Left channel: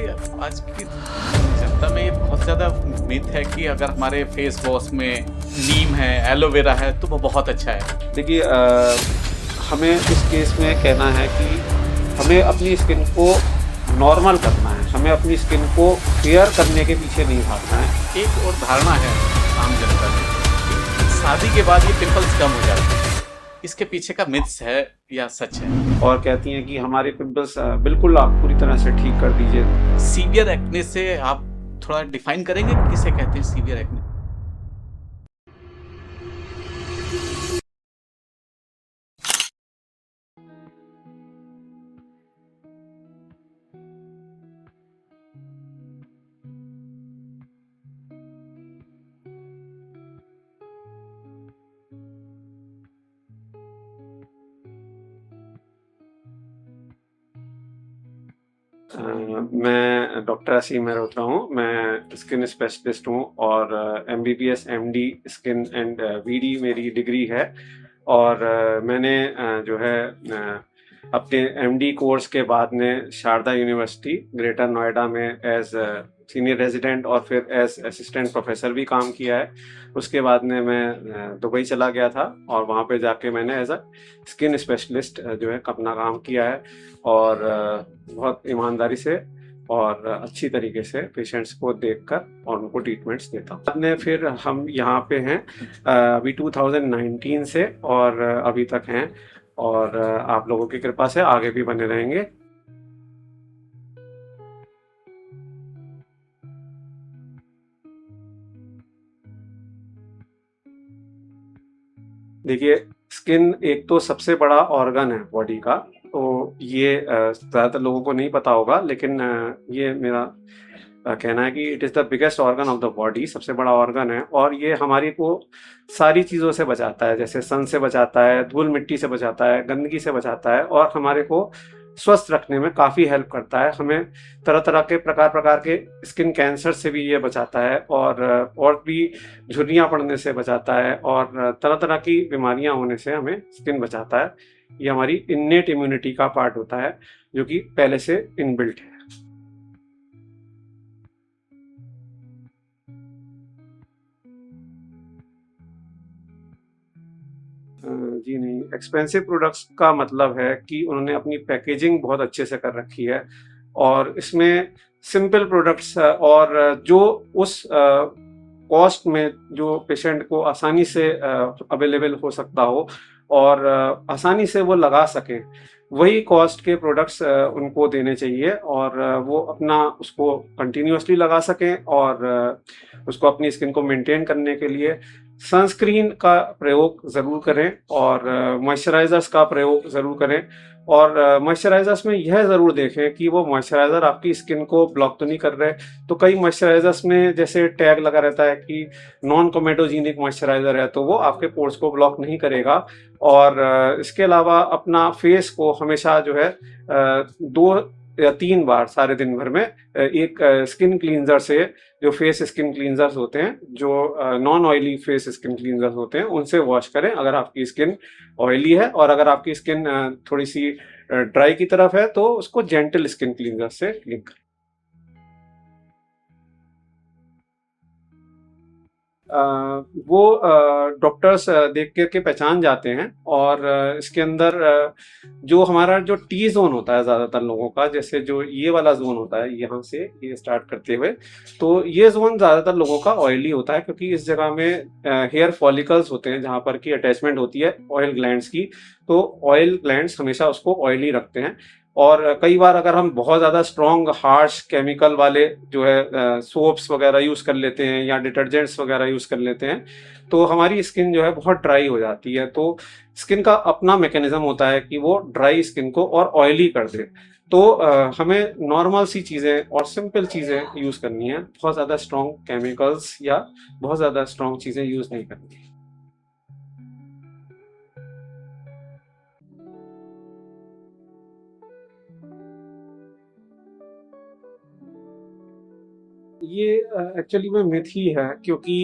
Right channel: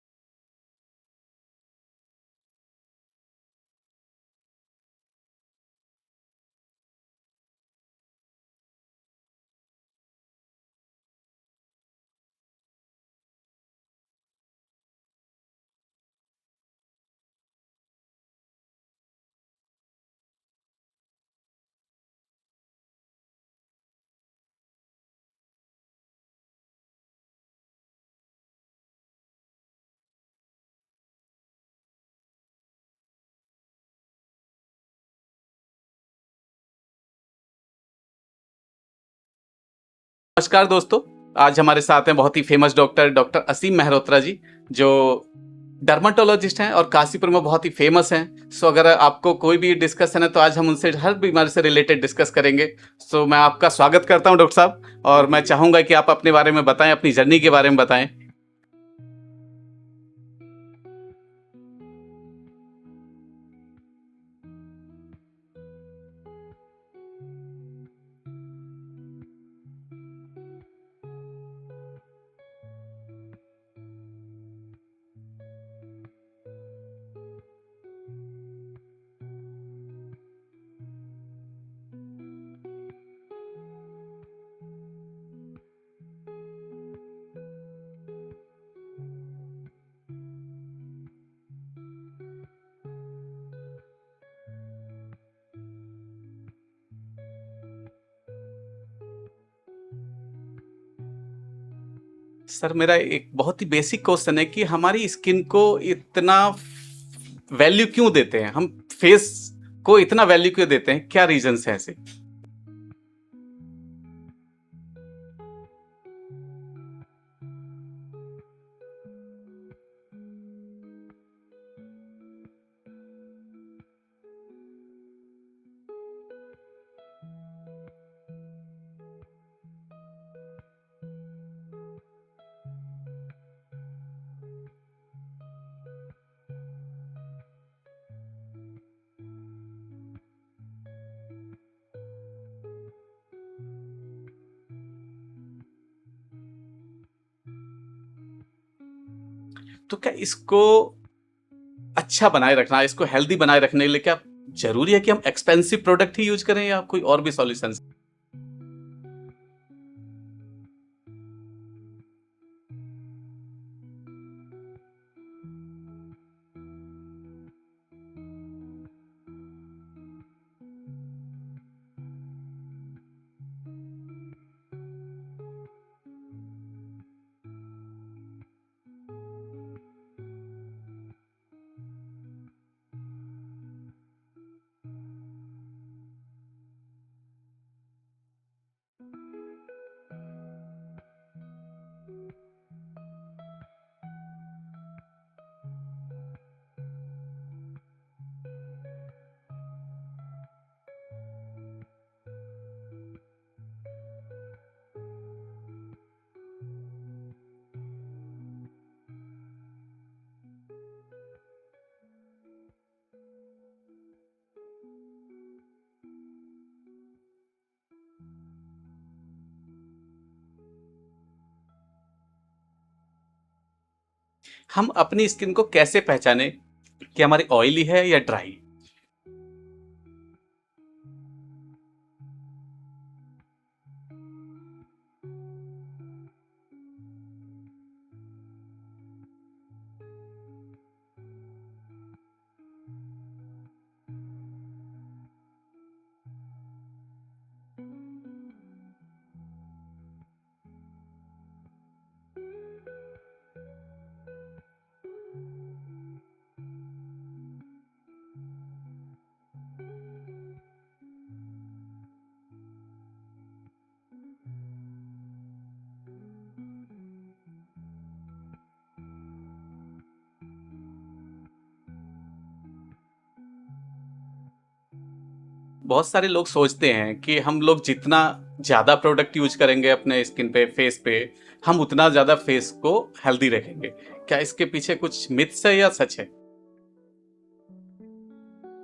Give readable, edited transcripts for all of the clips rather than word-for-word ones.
हमारी आज की जनता में ये बहुत ज़्यादा मिथ है कि अगर हमारे फेस वॉश में नीम है, एलोवेरा है तो वो बहुत अच्छा है। देखिए हमें इस केस में कहना है कि हमें अपनी स्किन को नॉर्मल करना है, हमें अपनी स्किन को फेयर करने के पीछे नहीं भागना है। एक और धारणा है आम जनता में कि शादी के बाद ये पिंपल्स कम हो जाते हैं। इसके पीछे का मिथ्स है या सच है? और कहती हैं कि हमारे पिंपल्स बिल्कुल आप पूरी तरह से ठीक कर दीजिए। सीवियर एक्ने से आप थोड़ा डिफाइन करेंगे किसे कहते हैं सीवियर एक्ने? नमस्कार दोस्तों, आज हमारे साथ हैं बहुत ही फेमस डॉक्टर असीम मेहरोत्रा जी, जो डर्माटोलॉजिस्ट हैं और काशीपुर में बहुत ही फेमस हैं। सो अगर आपको कोई भी डिस्कशन है तो आज हम उनसे हर बीमारी से रिलेटेड डिस्कस करेंगे। सो मैं आपका स्वागत करता हूं डॉक्टर साहब, और मैं चाहूंगा कि आप अपने बारे में बताएं, अपनी जर्नी के बारे में बताएं। मैं डॉक्टर असीम मेहरोत्रा हूँ। मैं स्किन स्पेशलिस्ट हूँ और MBBS MD skin and BD मेरी डिग्री है। और मैंने जो है अपने MD कोर्स के बाद में शारदा यूनिवर्सिटी ग्रेटर नोएडा में एज सीनियर रेजिडेंट और फिर एज असिस्टेंट प्रोफेसर भी काम किया है। उसके बाद में मैं दुबई चला गया था और वहाँ पे जाके मैंने एज अ स्किन स्पेशलिस्ट जो है अपना काम किया है और बहुत ईमानदारी से और अच्छी तरीके से पेशेंट्स को देखकर और उनको ट्रीटमेंट्स देता हूँ। बाद में फिर हम यहाँ पे हैं अभी 2019 से और अभी तक हैं और आप लोगों की कृपा से आगे भी बने रहेंगे। सर, मेरा एक बहुत ही बेसिक क्वेश्चन है कि हमारी स्किन को इतना वैल्यू क्यों देते हैं, हम फेस को इतना वैल्यू क्यों देते हैं, क्या रीजंस हैं ऐसे? देखिए, स्किन एक तो सबसे बड़ा ऑर्गन है बॉडी का, तो ये ज़्यादातर लोगों को नहीं पता होगा, लेकिन ये मेरा कहना है कि it is the biggest organ of the body, सबसे बड़ा ऑर्गन है और ये हमारी को सारी चीज़ों से बचाता है, जैसे सन से बचाता है, धूल मिट्टी से बचाता है, गंदगी से बचाता है और हमारे को स्वस्थ रखने में काफ़ी हेल्प करता है। हमें तरह-तरह के प्रकार-प्रकार के स्किन कैंसर से भी ये बचाता है और भी झुर्रियाँ पड़ने से बचाता है और तरह-तरह की बीमारियाँ होने से हमें स्किन बचाता है। ये हमारी इन्नेट इम्यूनिटी का पार्ट होता है, जो कि पहले से इनबिल्ट है। तो क्या इसको अच्छा बनाए रखना, इसको हेल्दी बनाए रखने के लिए क्या जरूरी है कि हम एक्सपेंसिव प्रोडक्ट ही यूज करें या कोई और भी सॉल्यूशंस? जी नहीं, एक्सपेंसिव प्रोडक्ट्स का मतलब है कि उन्होंने अपनी पैकेजिंग बहुत अच्छे से कर रखी है और इसमें सिंपल प्रोडक्ट्स और जो उस कॉस्ट में जो पेशेंट को आसानी से अवेलेबल हो सकता हो और आसानी से वो लगा सकें, वही कॉस्ट के प्रोडक्ट्स उनको देने चाहिए और वो अपना उसको कंटिन्यूअसली लगा सकें और उसको अपनी स्किन को मेंटेन करने के लिए सनस्क्रीन का प्रयोग ज़रूर करें और मॉइस्चराइज़र्स का प्रयोग ज़रूर करें और मॉइस्चराइज़र्स में यह ज़रूर देखें कि वो मॉइस्चराइज़र आपकी स्किन को ब्लॉक तो नहीं कर रहे। तो कई मॉइस्चराइज़र्स में जैसे टैग लगा रहता है कि नॉन कोमेटोजेनिक मॉइस्चराइज़र है, तो वो आपके पोर्स को ब्लॉक नहीं करेगा और इसके अलावा अपना फेस को हमेशा जो है 2 या 3 बार सारे दिन भर में एक स्किन क्लींजर से, जो फेस स्किन क्लींजर्स होते हैं, जो non oily face skin cleansers होते हैं, उनसे वॉश करें अगर आपकी स्किन ऑयली है और अगर आपकी स्किन थोड़ी सी ड्राई की तरफ है तो उसको जेंटल स्किन क्लींजर से क्लीन करें। हम अपनी स्किन को कैसे पहचाने कि हमारी ऑयली है या ड्राई? वो डॉक्टर्स देख कर के पहचान जाते हैं और इसके अंदर जो हमारा जो टी जोन होता है ज़्यादातर लोगों का, जैसे जो ये वाला जोन होता है यहाँ से ये स्टार्ट करते हुए, तो ये जोन ज़्यादातर लोगों का ऑयली होता है क्योंकि इस जगह में हेयर फॉलिकल्स होते हैं जहाँ पर की अटैचमेंट होती है ऑयल ग्लैंड्स की, तो ऑयल ग्लैंड्स हमेशा उसको ऑयली रखते हैं। और कई बार अगर हम बहुत ज़्यादा स्ट्रॉन्ग हार्श केमिकल वाले जो है सोप्स वगैरह यूज़ कर लेते हैं या डिटर्जेंट्स वगैरह यूज़ कर लेते हैं, तो हमारी स्किन जो है बहुत ड्राई हो जाती है। तो स्किन का अपना मैकेनिज्म होता है कि वो ड्राई स्किन को और ऑयली कर दे। तो हमें नॉर्मल सी चीज़ें और सिंपल चीज़ें यूज़ करनी है, बहुत ज़्यादा स्ट्रॉन्ग केमिकल्स या बहुत ज़्यादा स्ट्रॉन्ग चीज़ें यूज़ नहीं करनी है। बहुत सारे लोग सोचते हैं कि हम लोग जितना ज़्यादा प्रोडक्ट यूज करेंगे अपने स्किन पे, फेस पे, हम उतना ज़्यादा फेस को हेल्दी रखेंगे। क्या इसके पीछे कुछ मिथ्स है या सच है? ये एक्चुअली में मिथ ही है क्योंकि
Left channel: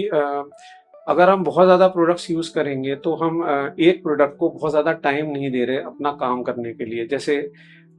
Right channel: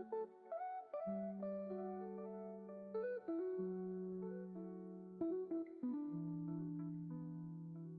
अगर हम बहुत ज़्यादा प्रोडक्ट्स यूज़ करेंगे तो हम एक प्रोडक्ट को बहुत ज़्यादा टाइम नहीं दे रहे अपना काम करने के लिए। जैसे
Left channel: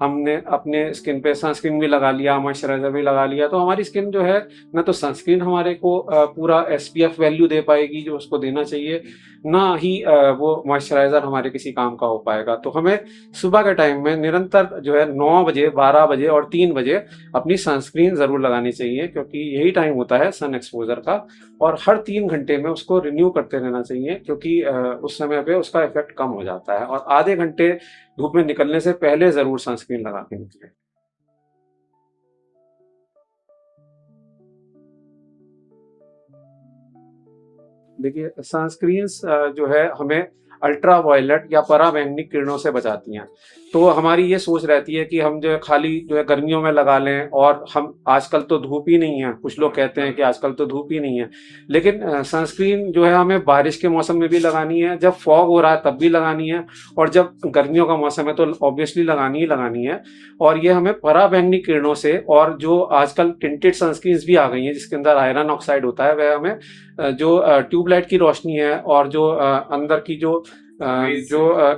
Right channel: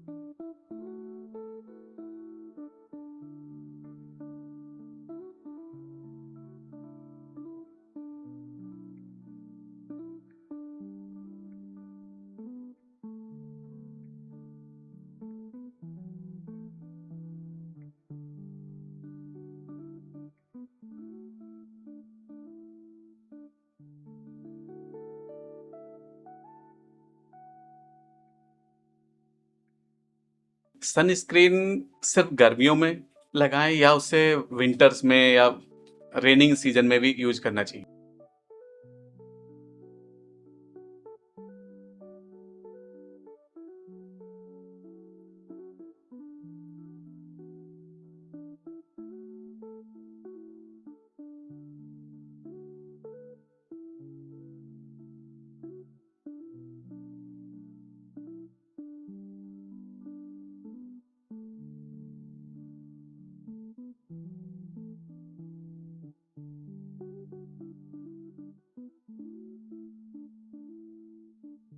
हमने अपने स्किन पे सनस्क्रीन भी लगा लिया, मॉइस्चराइज़र भी लगा लिया, तो हमारी स्किन जो है, ना तो सनस्क्रीन हमारे को पूरा एसपीएफ वैल्यू दे पाएगी जो उसको देना चाहिए, ना ही वो मॉइस्चराइज़र हमारे किसी काम का हो पाएगा। तो हमें सुबह के टाइम में निरंतर जो है 9 बजे, 12 बजे और 3 बजे अपनी सनस्क्रीन ज़रूर लगानी चाहिए, क्योंकि यही टाइम होता है सन एक्सपोज़र का, और हर 3 घंटे में उसको रिन्यू करते रहना चाहिए, क्योंकि उस समय पे उसका इफ़ेक्ट कम हो जाता है, और आधे घंटे धूप में निकलने से पहले ज़रूर सनस्क्रीन लगा के निकलें। सनस्क्रीन सिर्फ गर्मियों में लगाएं या उसे विंटर्स में या रेनिंग सीजन में भी यूज करना चाहिए? देखिए, सनस्क्रीन्स जो है हमें अल्ट्रा वायलेट या पराबैंगनी किरणों से बचाती हैं। तो हमारी ये सोच रहती है कि हम जो है खाली जो है गर्मियों में लगा लें, और हम आजकल तो धूप ही नहीं है, कुछ लोग कहते हैं कि आजकल तो धूप ही नहीं है। लेकिन सनस्क्रीन जो है हमें बारिश के मौसम में भी लगानी है, जब फॉग हो रहा है तब भी लगानी है, और जब गर्मियों का मौसम है तो ऑब्वियसली लगानी ही लगानी है। और ये हमें पराबैंगनी किरणों से, और जो आजकल टिंटेड सनस्क्रीन्स भी आ गई हैं जिसके अंदर आयरन ऑक्साइड होता है, वह हमें जो ट्यूबलाइट की रोशनी है, और जो अंदर की जो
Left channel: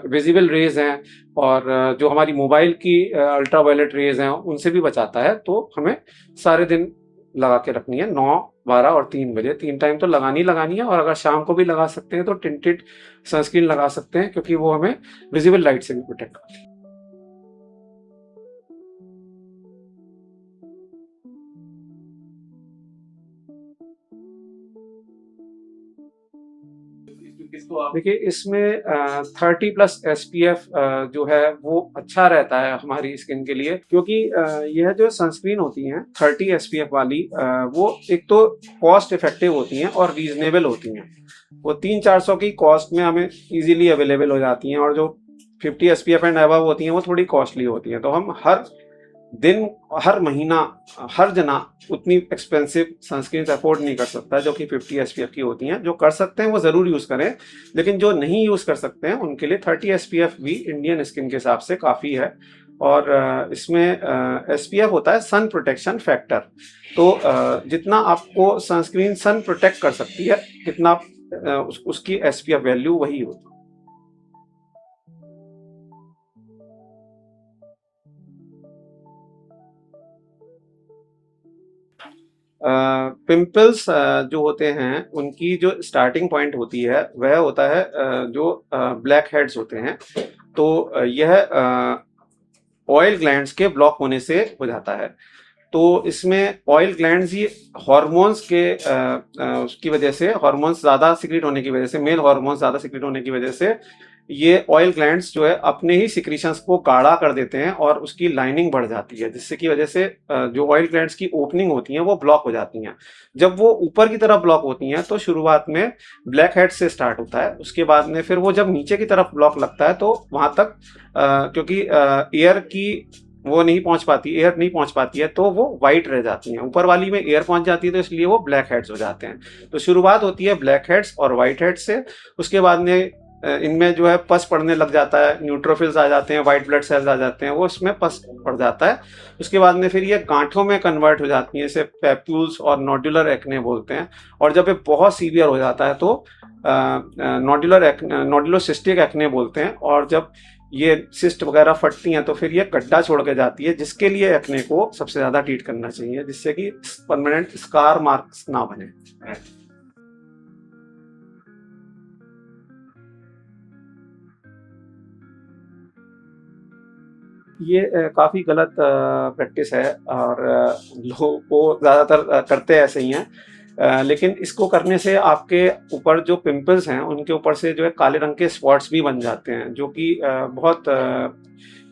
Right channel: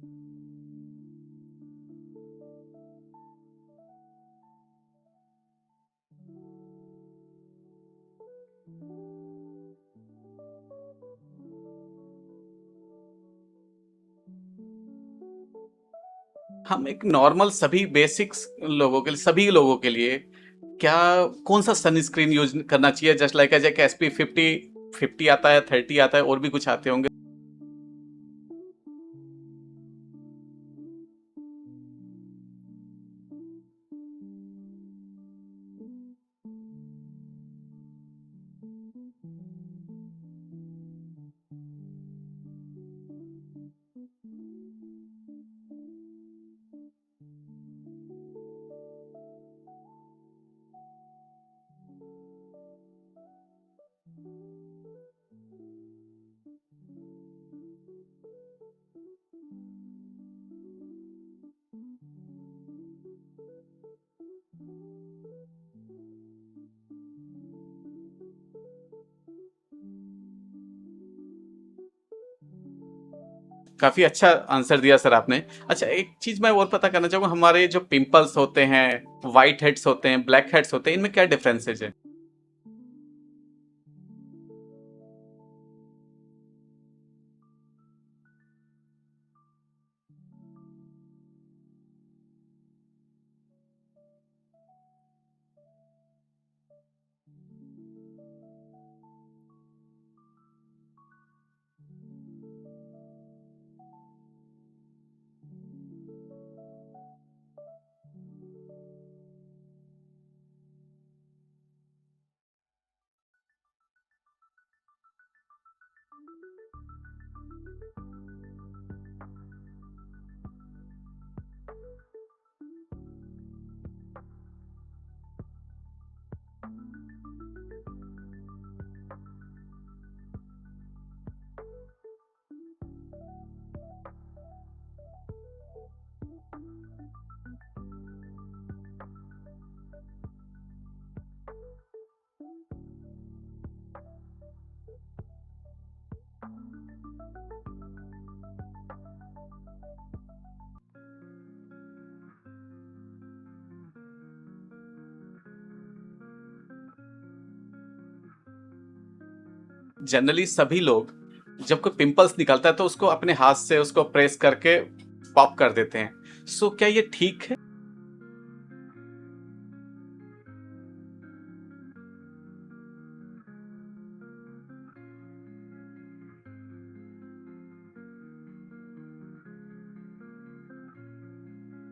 विजिबल रेज हैं, और जो हमारी मोबाइल की अल्ट्रा वायलेट रेज हैं, उनसे भी बचाता है। तो हमें सारे दिन लगा के रखनी है, 9, 12 और 3 बजे, 3 टाइम तो लगानी लगानी है। और अगर शाम को भी लगा सकते हैं तो टिंटेड सनस्क्रीन लगा सकते हैं, क्योंकि वो हमें विजिबल लाइट से भी प्रोटेक्ट करती है। हम एक नॉर्मल सभी बेसिक्स लोगों के लिए, सभी लोगों के लिए क्या कौन सा सनस्क्रीन यूज करना चाहिए? जस्ट लाइक एज एसपी 50 आता है, 30 आता है, और भी कुछ आते होंगे, किसको आप? देखिए, इसमें 30+ एसपीएफ जो है वो अच्छा रहता है हमारी स्किन के लिए, क्योंकि यह जो सनस्क्रीन होती हैं 30 एसपीएफ वाली, वो एक तो कॉस्ट इफेक्टिव होती हैं और रीजनेबल होती हैं। वो 300-400 की कॉस्ट में हमें इजीली अवेलेबल हो जाती हैं, और जो 50 एसपीएफ एंड अबव होती हैं वो थोड़ी कॉस्टली होती हैं। तो हम हर दिन, हर महीना, हर जना उतनी एक्सपेंसिव सनस्क्रीन अफोर्ड नहीं कर सकता जो कि 50 एसपीएफ की होती हैं। जो कर सकते हैं वो ज़रूर यूज़ करें, लेकिन जो नहीं यूज़ कर सकते हैं उनके लिए 30 एसपीएफ भी इंडियन स्किन के हिसाब से काफ़ी है। और इसमें एसपीएफ होता है सन प्रोटेक्शन फैक्टर। तो जितना आपको सनस्क्रीन सन प्रोटेक्ट कर सकती है, कितना उसकी एसपीएफ वैल्यू वही होती है। काफी अच्छा आंसर दिया सर आपने। अच्छा, एक चीज मैं और पता करना चाहूंगा, हमारे जो पिंपल्स होते हैं, व्हाइट हेड्स होते हैं, ब्लैक हेड्स होते हैं, इनमें क्या डिफरेंसेस है? पिंपल्स जो होते हैं उनकी जो स्टार्टिंग पॉइंट होती है वह होता है जो ब्लैक हेड्स होते हैं। तो यह ऑयल ग्लैंड्स के ब्लॉक होने से हो जाता है। तो इसमें ऑयल ग्लैंड्स ही हार्मोन्स के उसकी वजह से, हार्मोन्स ज़्यादा सिक्रीट होने की वजह से, मेल हार्मोन्स ज़्यादा सिक्रीट होने की वजह से, ये ऑयल ग्लैंड्स जो है अपने ही सिक्रीशंस को गाढ़ा कर देते हैं, और उसकी लाइनिंग बढ़ जाती है, जिससे की वजह से जो ऑयल ग्लैंड्स की ओपनिंग होती हैं वो ब्लॉक हो जाती हैं। जब वो ऊपर की तरफ ब्लॉक होती हैं तो शुरुआत में ब्लैक हेड से स्टार्ट होता है, उसके बाद में फिर वो जब नीचे की तरफ ब्लॉक लगता है तो वहाँ तक क्योंकि एयर की वो नहीं पहुंच पाती, एयर नहीं पहुंच पाती है, तो वो वाइट रह जाती हैं। ऊपर वाली में एयर पहुंच जाती है तो इसलिए वो ब्लैक हेड्स हो जाते हैं। तो शुरुआत होती है ब्लैक हेड्स और वाइट हेड्स से। उसके बाद में इनमें जो है पस पड़ने लग जाता है, न्यूट्रोफिल्स आ जाते हैं, वाइट ब्लड सेल्स आ जाते हैं, वो इसमें पस पड़ जाता है। उसके बाद में फिर ये गांठों में कन्वर्ट हो जाती हैं, इसे पैप्यूल्स और नोडुलर एक्ने बोलते हैं। और जब ये बहुत सीवियर हो जाता है तो नोडुलोसिस्टिक एक्ने बोलते हैं। और जब ये सिस्ट वगैरह फटती हैं तो फिर ये गड्ढा छोड़ के जाती है, जिसके लिए एक्ने को सबसे ज़्यादा ट्रीट करना चाहिए, जिससे कि परमानेंट स्कार मार्क्स ना बने। जनरली सभी लोग जब कोई पिंपल्स निकलता है तो उसको अपने हाथ से उसको प्रेस करके पॉप कर देते हैं। सो क्या ये ठीक है? ये काफ़ी गलत प्रैक्टिस है, और लोग वो ज़्यादातर करते ऐसे ही हैं। लेकिन इसको करने से आपके ऊपर जो पिंपल्स हैं उनके ऊपर से जो है काले रंग के स्पॉट्स भी बन जाते हैं, जो कि बहुत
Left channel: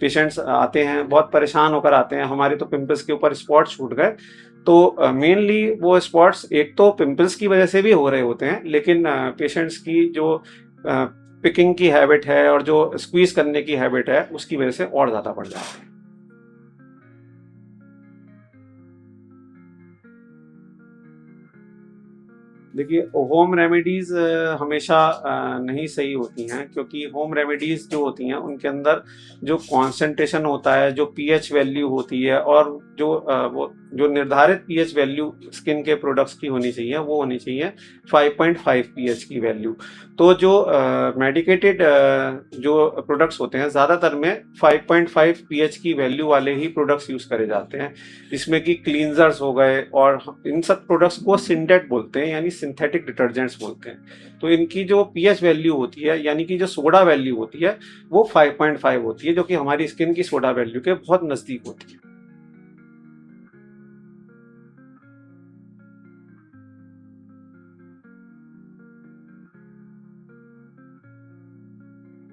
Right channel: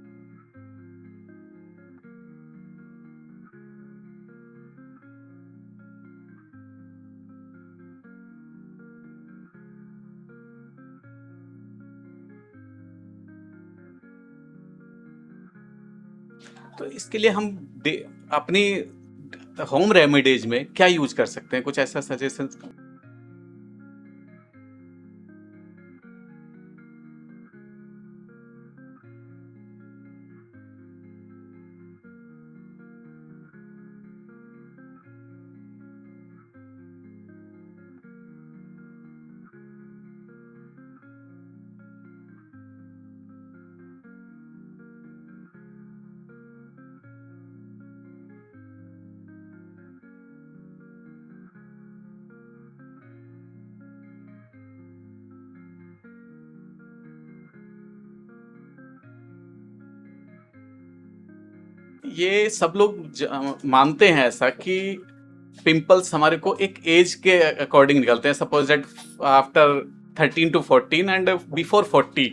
पेशेंट्स आते हैं, बहुत परेशान होकर आते हैं, हमारे तो पिंपल्स के ऊपर स्पॉट छूट गए। तो मेनली वो स्पॉट्स एक तो पिंपल्स की वजह से भी हो रहे होते हैं, लेकिन पेशेंट्स की जो पिकिंग की हैबिट है और जो स्क्वीज करने की हैबिट है उसकी वजह से और ज़्यादा बढ़ जाता है। तो इसके लिए हम अपनी होम रेमेडीज में क्या यूज कर सकते हैं? कुछ ऐसा सजेशन? देखिए, होम रेमेडीज़ हमेशा नहीं सही होती हैं, क्योंकि होम रेमेडीज़ जो होती हैं उनके अंदर जो कॉन्सेंट्रेशन होता है, जो पीएच वैल्यू होती है, और जो वो जो निर्धारित पीएच वैल्यू स्किन के प्रोडक्ट्स की होनी चाहिए वो होनी चाहिए 5.5 पीएच की वैल्यू। तो जो मेडिकेटेड जो प्रोडक्ट्स होते हैं ज़्यादातर में 5.5 पीएच की वैल्यू वाले ही प्रोडक्ट्स यूज़ करे जाते हैं, जिसमें कि क्लींजर्स हो गए, और इन सब प्रोडक्ट्स को सिंटेट बोलते हैं, यानी सिंथेटिक डिटर्जेंट्स बोलते हैं। तो इनकी जो पीएच वैल्यू होती है, यानी कि जो सोडा वैल्यू होती है, वो 5.5 होती है, जो कि हमारी स्किन की सोडा वैल्यू के बहुत नज़दीक होती है। ये सब लोग मानते हैं ऐसा कि पिंपल्स हमारे को एक एज के अकॉर्डिंग निकलते हैं, suppose that after 13 to 14 and before 40।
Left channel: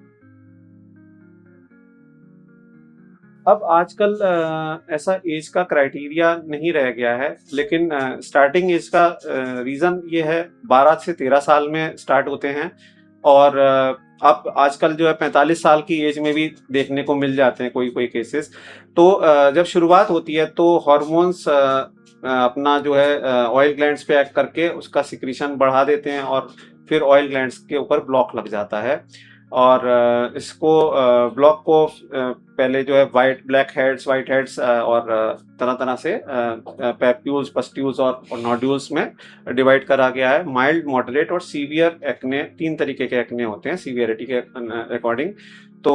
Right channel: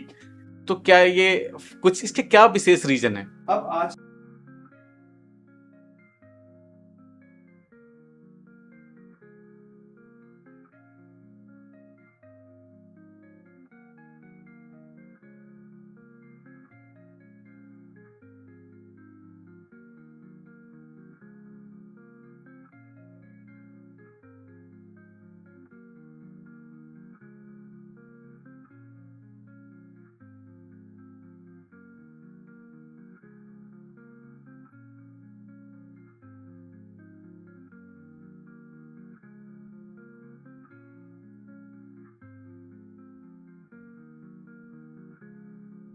तो क्या ये कुछ इसके क्या विशेष रीजन है? अब आजकल ऐसा एज का क्राइटेरिया नहीं रह गया है, लेकिन स्टार्टिंग एज का रीज़न ये है 12 से 13 साल में स्टार्ट होते हैं, और अब आजकल जो है 45 साल की एज में भी देखने को मिल जाते हैं कोई कोई केसेस। तो जब शुरुआत होती है तो हार्मोन्स अपना जो है ऑयल ग्लैंड्स पे एक्ट करके उसका सिक्रीशन बढ़ा देते हैं, और फिर ऑयल ग्लैंड्स के ऊपर ब्लॉक लग जाता है, और इसको ब्लॉक को पहले जो है ब्लैक हेड्स, वाइट हेड्स और तरह तरह से पैप्यूल्स, पस्ट्यूल्स और नोड्यूल्स में डिवाइड करा गया है। माइल्ड, मॉडरेट और सीवियर एक्ने, 3 तरीके के एक्ने होते हैं सीवियरिटी के अकॉर्डिंग। तो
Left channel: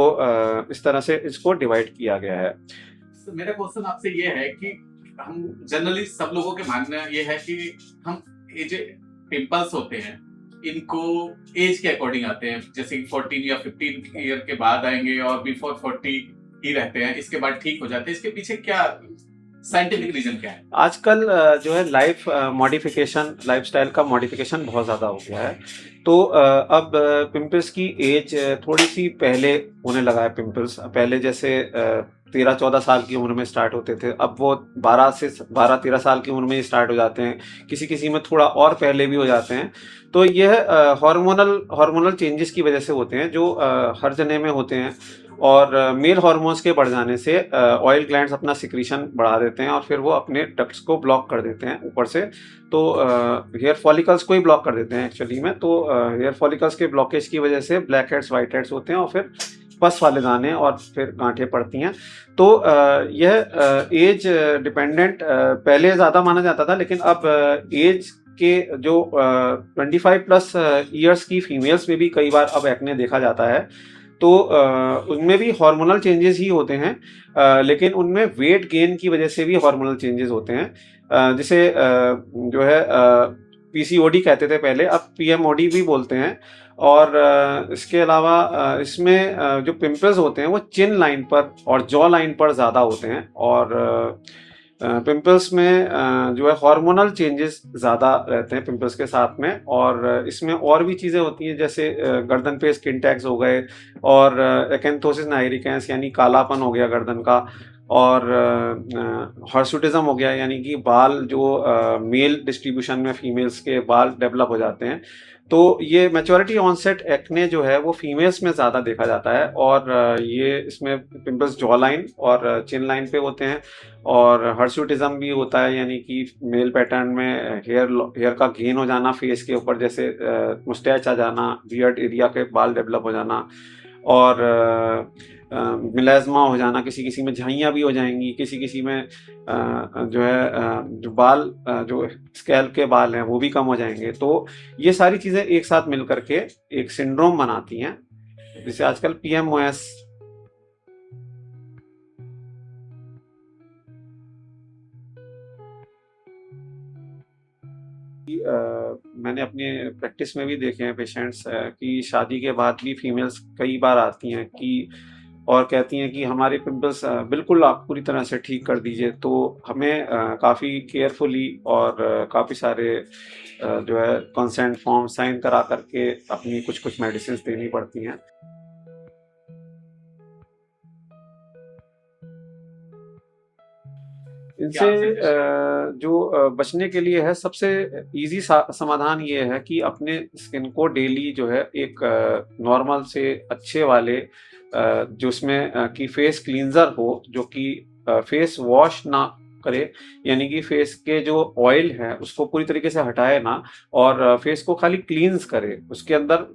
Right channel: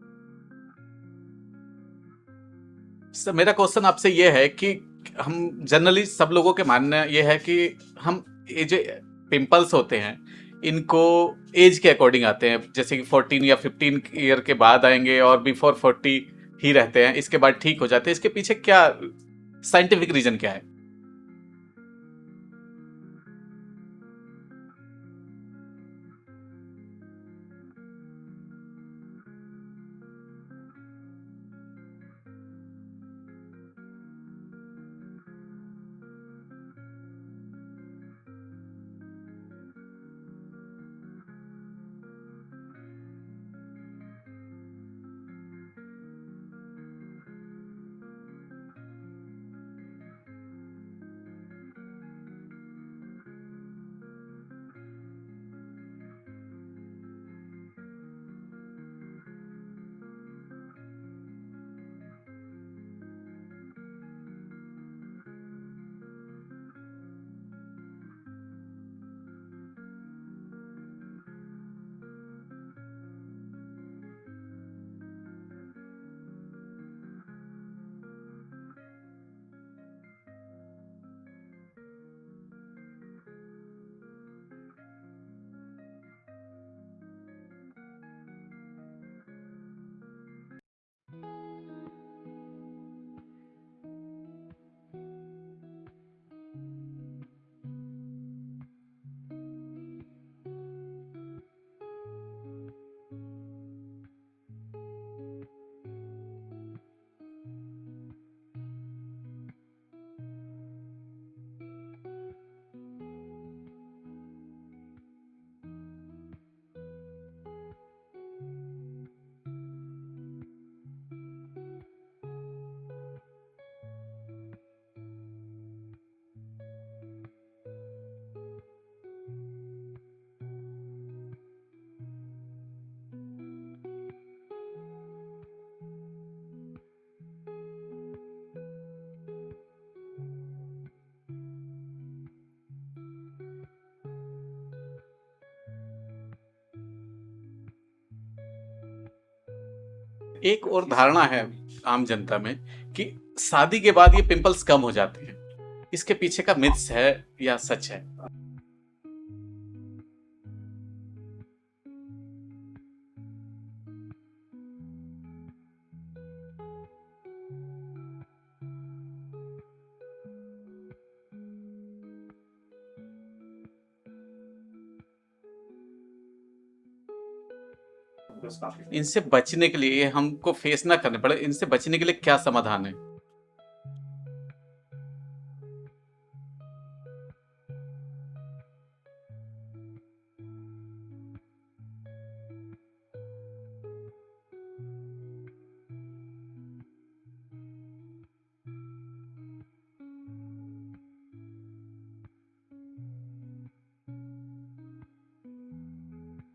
इस तरह से इसको डिवाइड किया गया है। सर, मेरा क्वेश्चन आपसे ये है कि हम जनरली सब लोगों के मानना ये है कि हम ये जो पिंपल्स होते हैं इनको एज के अकॉर्डिंग आते हैं, जैसे कि 14 या 15 ईयर के बाद आएंगे और बिफोर 40 ही रहते हैं, इसके बाद ठीक हो जाते हैं। इसके पीछे क्या साइंटिफिक रीजन क्या है? आजकल जो है मॉडिफिकेशन, लाइफस्टाइल का मॉडिफिकेशन बहुत ज़्यादा हो गया है। तो अब पिंपल्स की एज थोड़ी सी पहले होने लगा है। पिंपल्स पहले जैसे 13-14 साल की उम्र में स्टार्ट होते थे, अब वो 12-13 साल की उम्र में ही स्टार्ट हो जाते हैं, किसी किसी में थोड़ा और पहले भी हो जाते हैं। तो यह हार्मोनल चेंजेस की वजह से होते हैं, जो हर जने में होते हैं, और मेल हार्मोन्स के बढ़ जाने से ऑयल ग्लैंड्स अपना सिक्रीशन बढ़ा देते हैं, और फिर वो अपने डक्ट्स को ब्लॉक कर देते हैं ऊपर से। तो हेयर फॉलिकल्स को ही ब्लॉक कर देते हैं एक्चुअली में। तो हेयर फॉलिकल्स के ब्लॉकेज की वजह से ब्लैक हेड्स, वाइट हेड्स होते हैं, और फिर पस वाले दाने और फिर गांठें पड़ती हैं। तो यह एज डिपेंडेंट पहले ज़्यादा माना जाता था, लेकिन अब एज के जो 25 प्लस ईयर्स की फीमेल्स में भी कई बार अब एक्ने देखा जाता है। तो उनमें भी हार्मोनल चेंजेस ही होते हैं, लेकिन उनमें वेट गेन की वजह से भी हार्मोनल चेंजेस होते हैं, जिसे जो है पीसीओडी कहते थे पहले, अब पीएमओडी भी बोलते हैं। और इसके अलावा इसमें जो पिंपल्स होते हैं वो चिन लाइन पर और जॉ लाइन पर ज़्यादा होते हैं, और पिंपल्स में जो है हार्मोनल चेंजेस ज़्यादा रहते हैं पिंपल्स के साथ में। और इसमें और भी चीज़ें होती हैं, जैसे गर्दन पे स्किन टैग्स हो गए, और एक्यांथोसिस नाइग्रिकेंस यानी कालापन हो गया गर्दन का, और हर्सुटिज्म हो गया, यानी कि बाल जो मेल डिस्ट्रीब्यूशन में फीमेल्स के बाल डेवलप हो जाते हैं। तो ये मैच्योरिटी ऑनसेट एक्ने जो है वो फीमेल्स में ज़्यादा देखा जाता है, और ये इसमें पिंपल्स जॉ लाइन और चिन लाइन पे होते हैं, और हर्सुटिज्म भी होता है, यानी कि मेल पैटर्न में हेयर का गेन हो जाना फेस के ऊपर, जैसे मुस्टैच आ जाना, बियर्ड एरिया के बाल डेवलप हो जाना, और मिलेज़मा हो जाना, किसी किसी में झाइयाँ भी हो जाएंगी, किसी किसी में जो है जो बाल जो स्कैल्प के बाल हैं वो भी कम हो जाएंगे। तो ये सारी चीज़ें एक साथ मिल करके एक सिंड्रोम बनाती हैं, जिसे आजकल पीएमओएस। एक और धारणा है आम जनता में कि शादी के बाद ये पिंपल्स कम हो जाते हैं, इसके पीछे का मिथ्स है या सच है? मैंने अपने प्रैक्टिस में भी देखे हैं पेशेंट्स कि शादी के बाद भी फीमेल्स कई बार आती हैं कि और कहती हैं कि हमारे पिंपल्स बिल्कुल आप पूरी तरह से ठीक कर दीजिए। तो हमें काफ़ी केयरफुली और काफ़ी सारे जो है कंसेंट फॉर्म साइन करा करके अपनी कुछ मेडिसिन देनी पड़ती हैं। इनसे बचने के लिए, हमको फेस ना करने पड़े, इनसे बचने के लिए क्या समाधान है? इनसे जो बचने के लिए है, सबसे इजी समाधान ये है कि अपने स्किन को डेली जो है एक नॉर्मल से अच्छे वाले जो उसमें कि फेस क्लींजर हो, जो कि फेस वॉश ना करे, यानी कि फेस के जो ऑयल है उसको पूरी तरीके से हटाए ना, और फेस को खाली क्लींस करे। उसके अंदर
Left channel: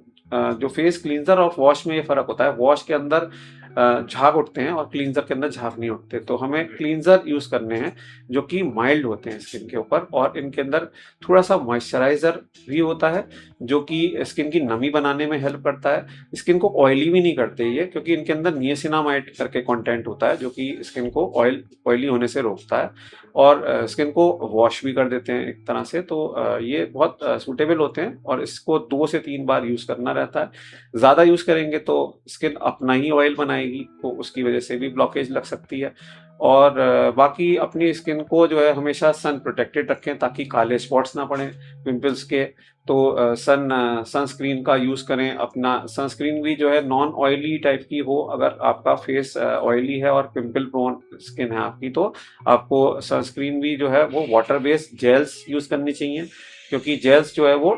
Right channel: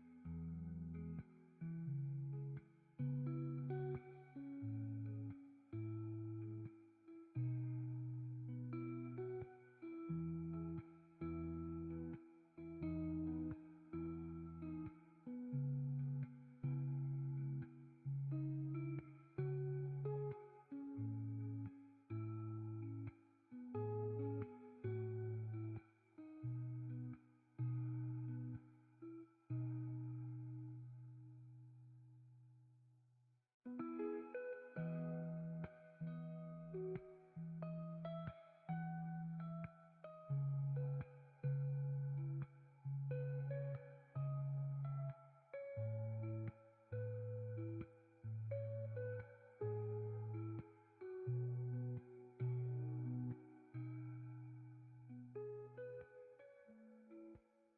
जो फेस क्लींजर और वॉश में ये फ़र्क होता है, वॉश के अंदर झाग उठते हैं और क्लींजर के अंदर झाग नहीं उठते। तो हमें क्लींजर यूज़ करने हैं जो कि माइल्ड होते हैं स्किन के ऊपर, और इनके अंदर थोड़ा-सा मॉइस्चराइज़र भी होता है जो कि स्किन की नमी बनाने में हेल्प करता है। स्किन को ऑयली भी नहीं करते ये, क्योंकि इनके अंदर नियासिनामाइड करके कंटेंट होता है जो कि स्किन को ऑयली होने से रोकता है, और स्किन को वॉश भी कर देते हैं एक तरह से। तो ये बहुत सूटेबल होते हैं, और इसको 2 से 3 बार यूज़ करना रहता है। ज़्यादा यूज़ करेंगे तो स्किन अपना ही ऑयल बनाएगी, तो उसकी वजह से भी ब्लॉकेज लग सकती है। और बाकी अपनी स्किन को जो है हमेशा सन प्रोटेक्टेड रखें ताकि काले स्पॉट्स ना पड़ें पिंपल्स के। तो सनस्क्रीन का यूज़ करें। अपना सनस्क्रीन भी जो है नॉन ऑयली टाइप की हो। अगर आपका फेस ऑयली है और पिंपल प्रोन स्किन है आपकी, तो आपको सनस्क्रीन भी जो है वो वाटर बेस्ड जेल्स यूज़ करनी चाहिए, क्योंकि जेल्स जो है वो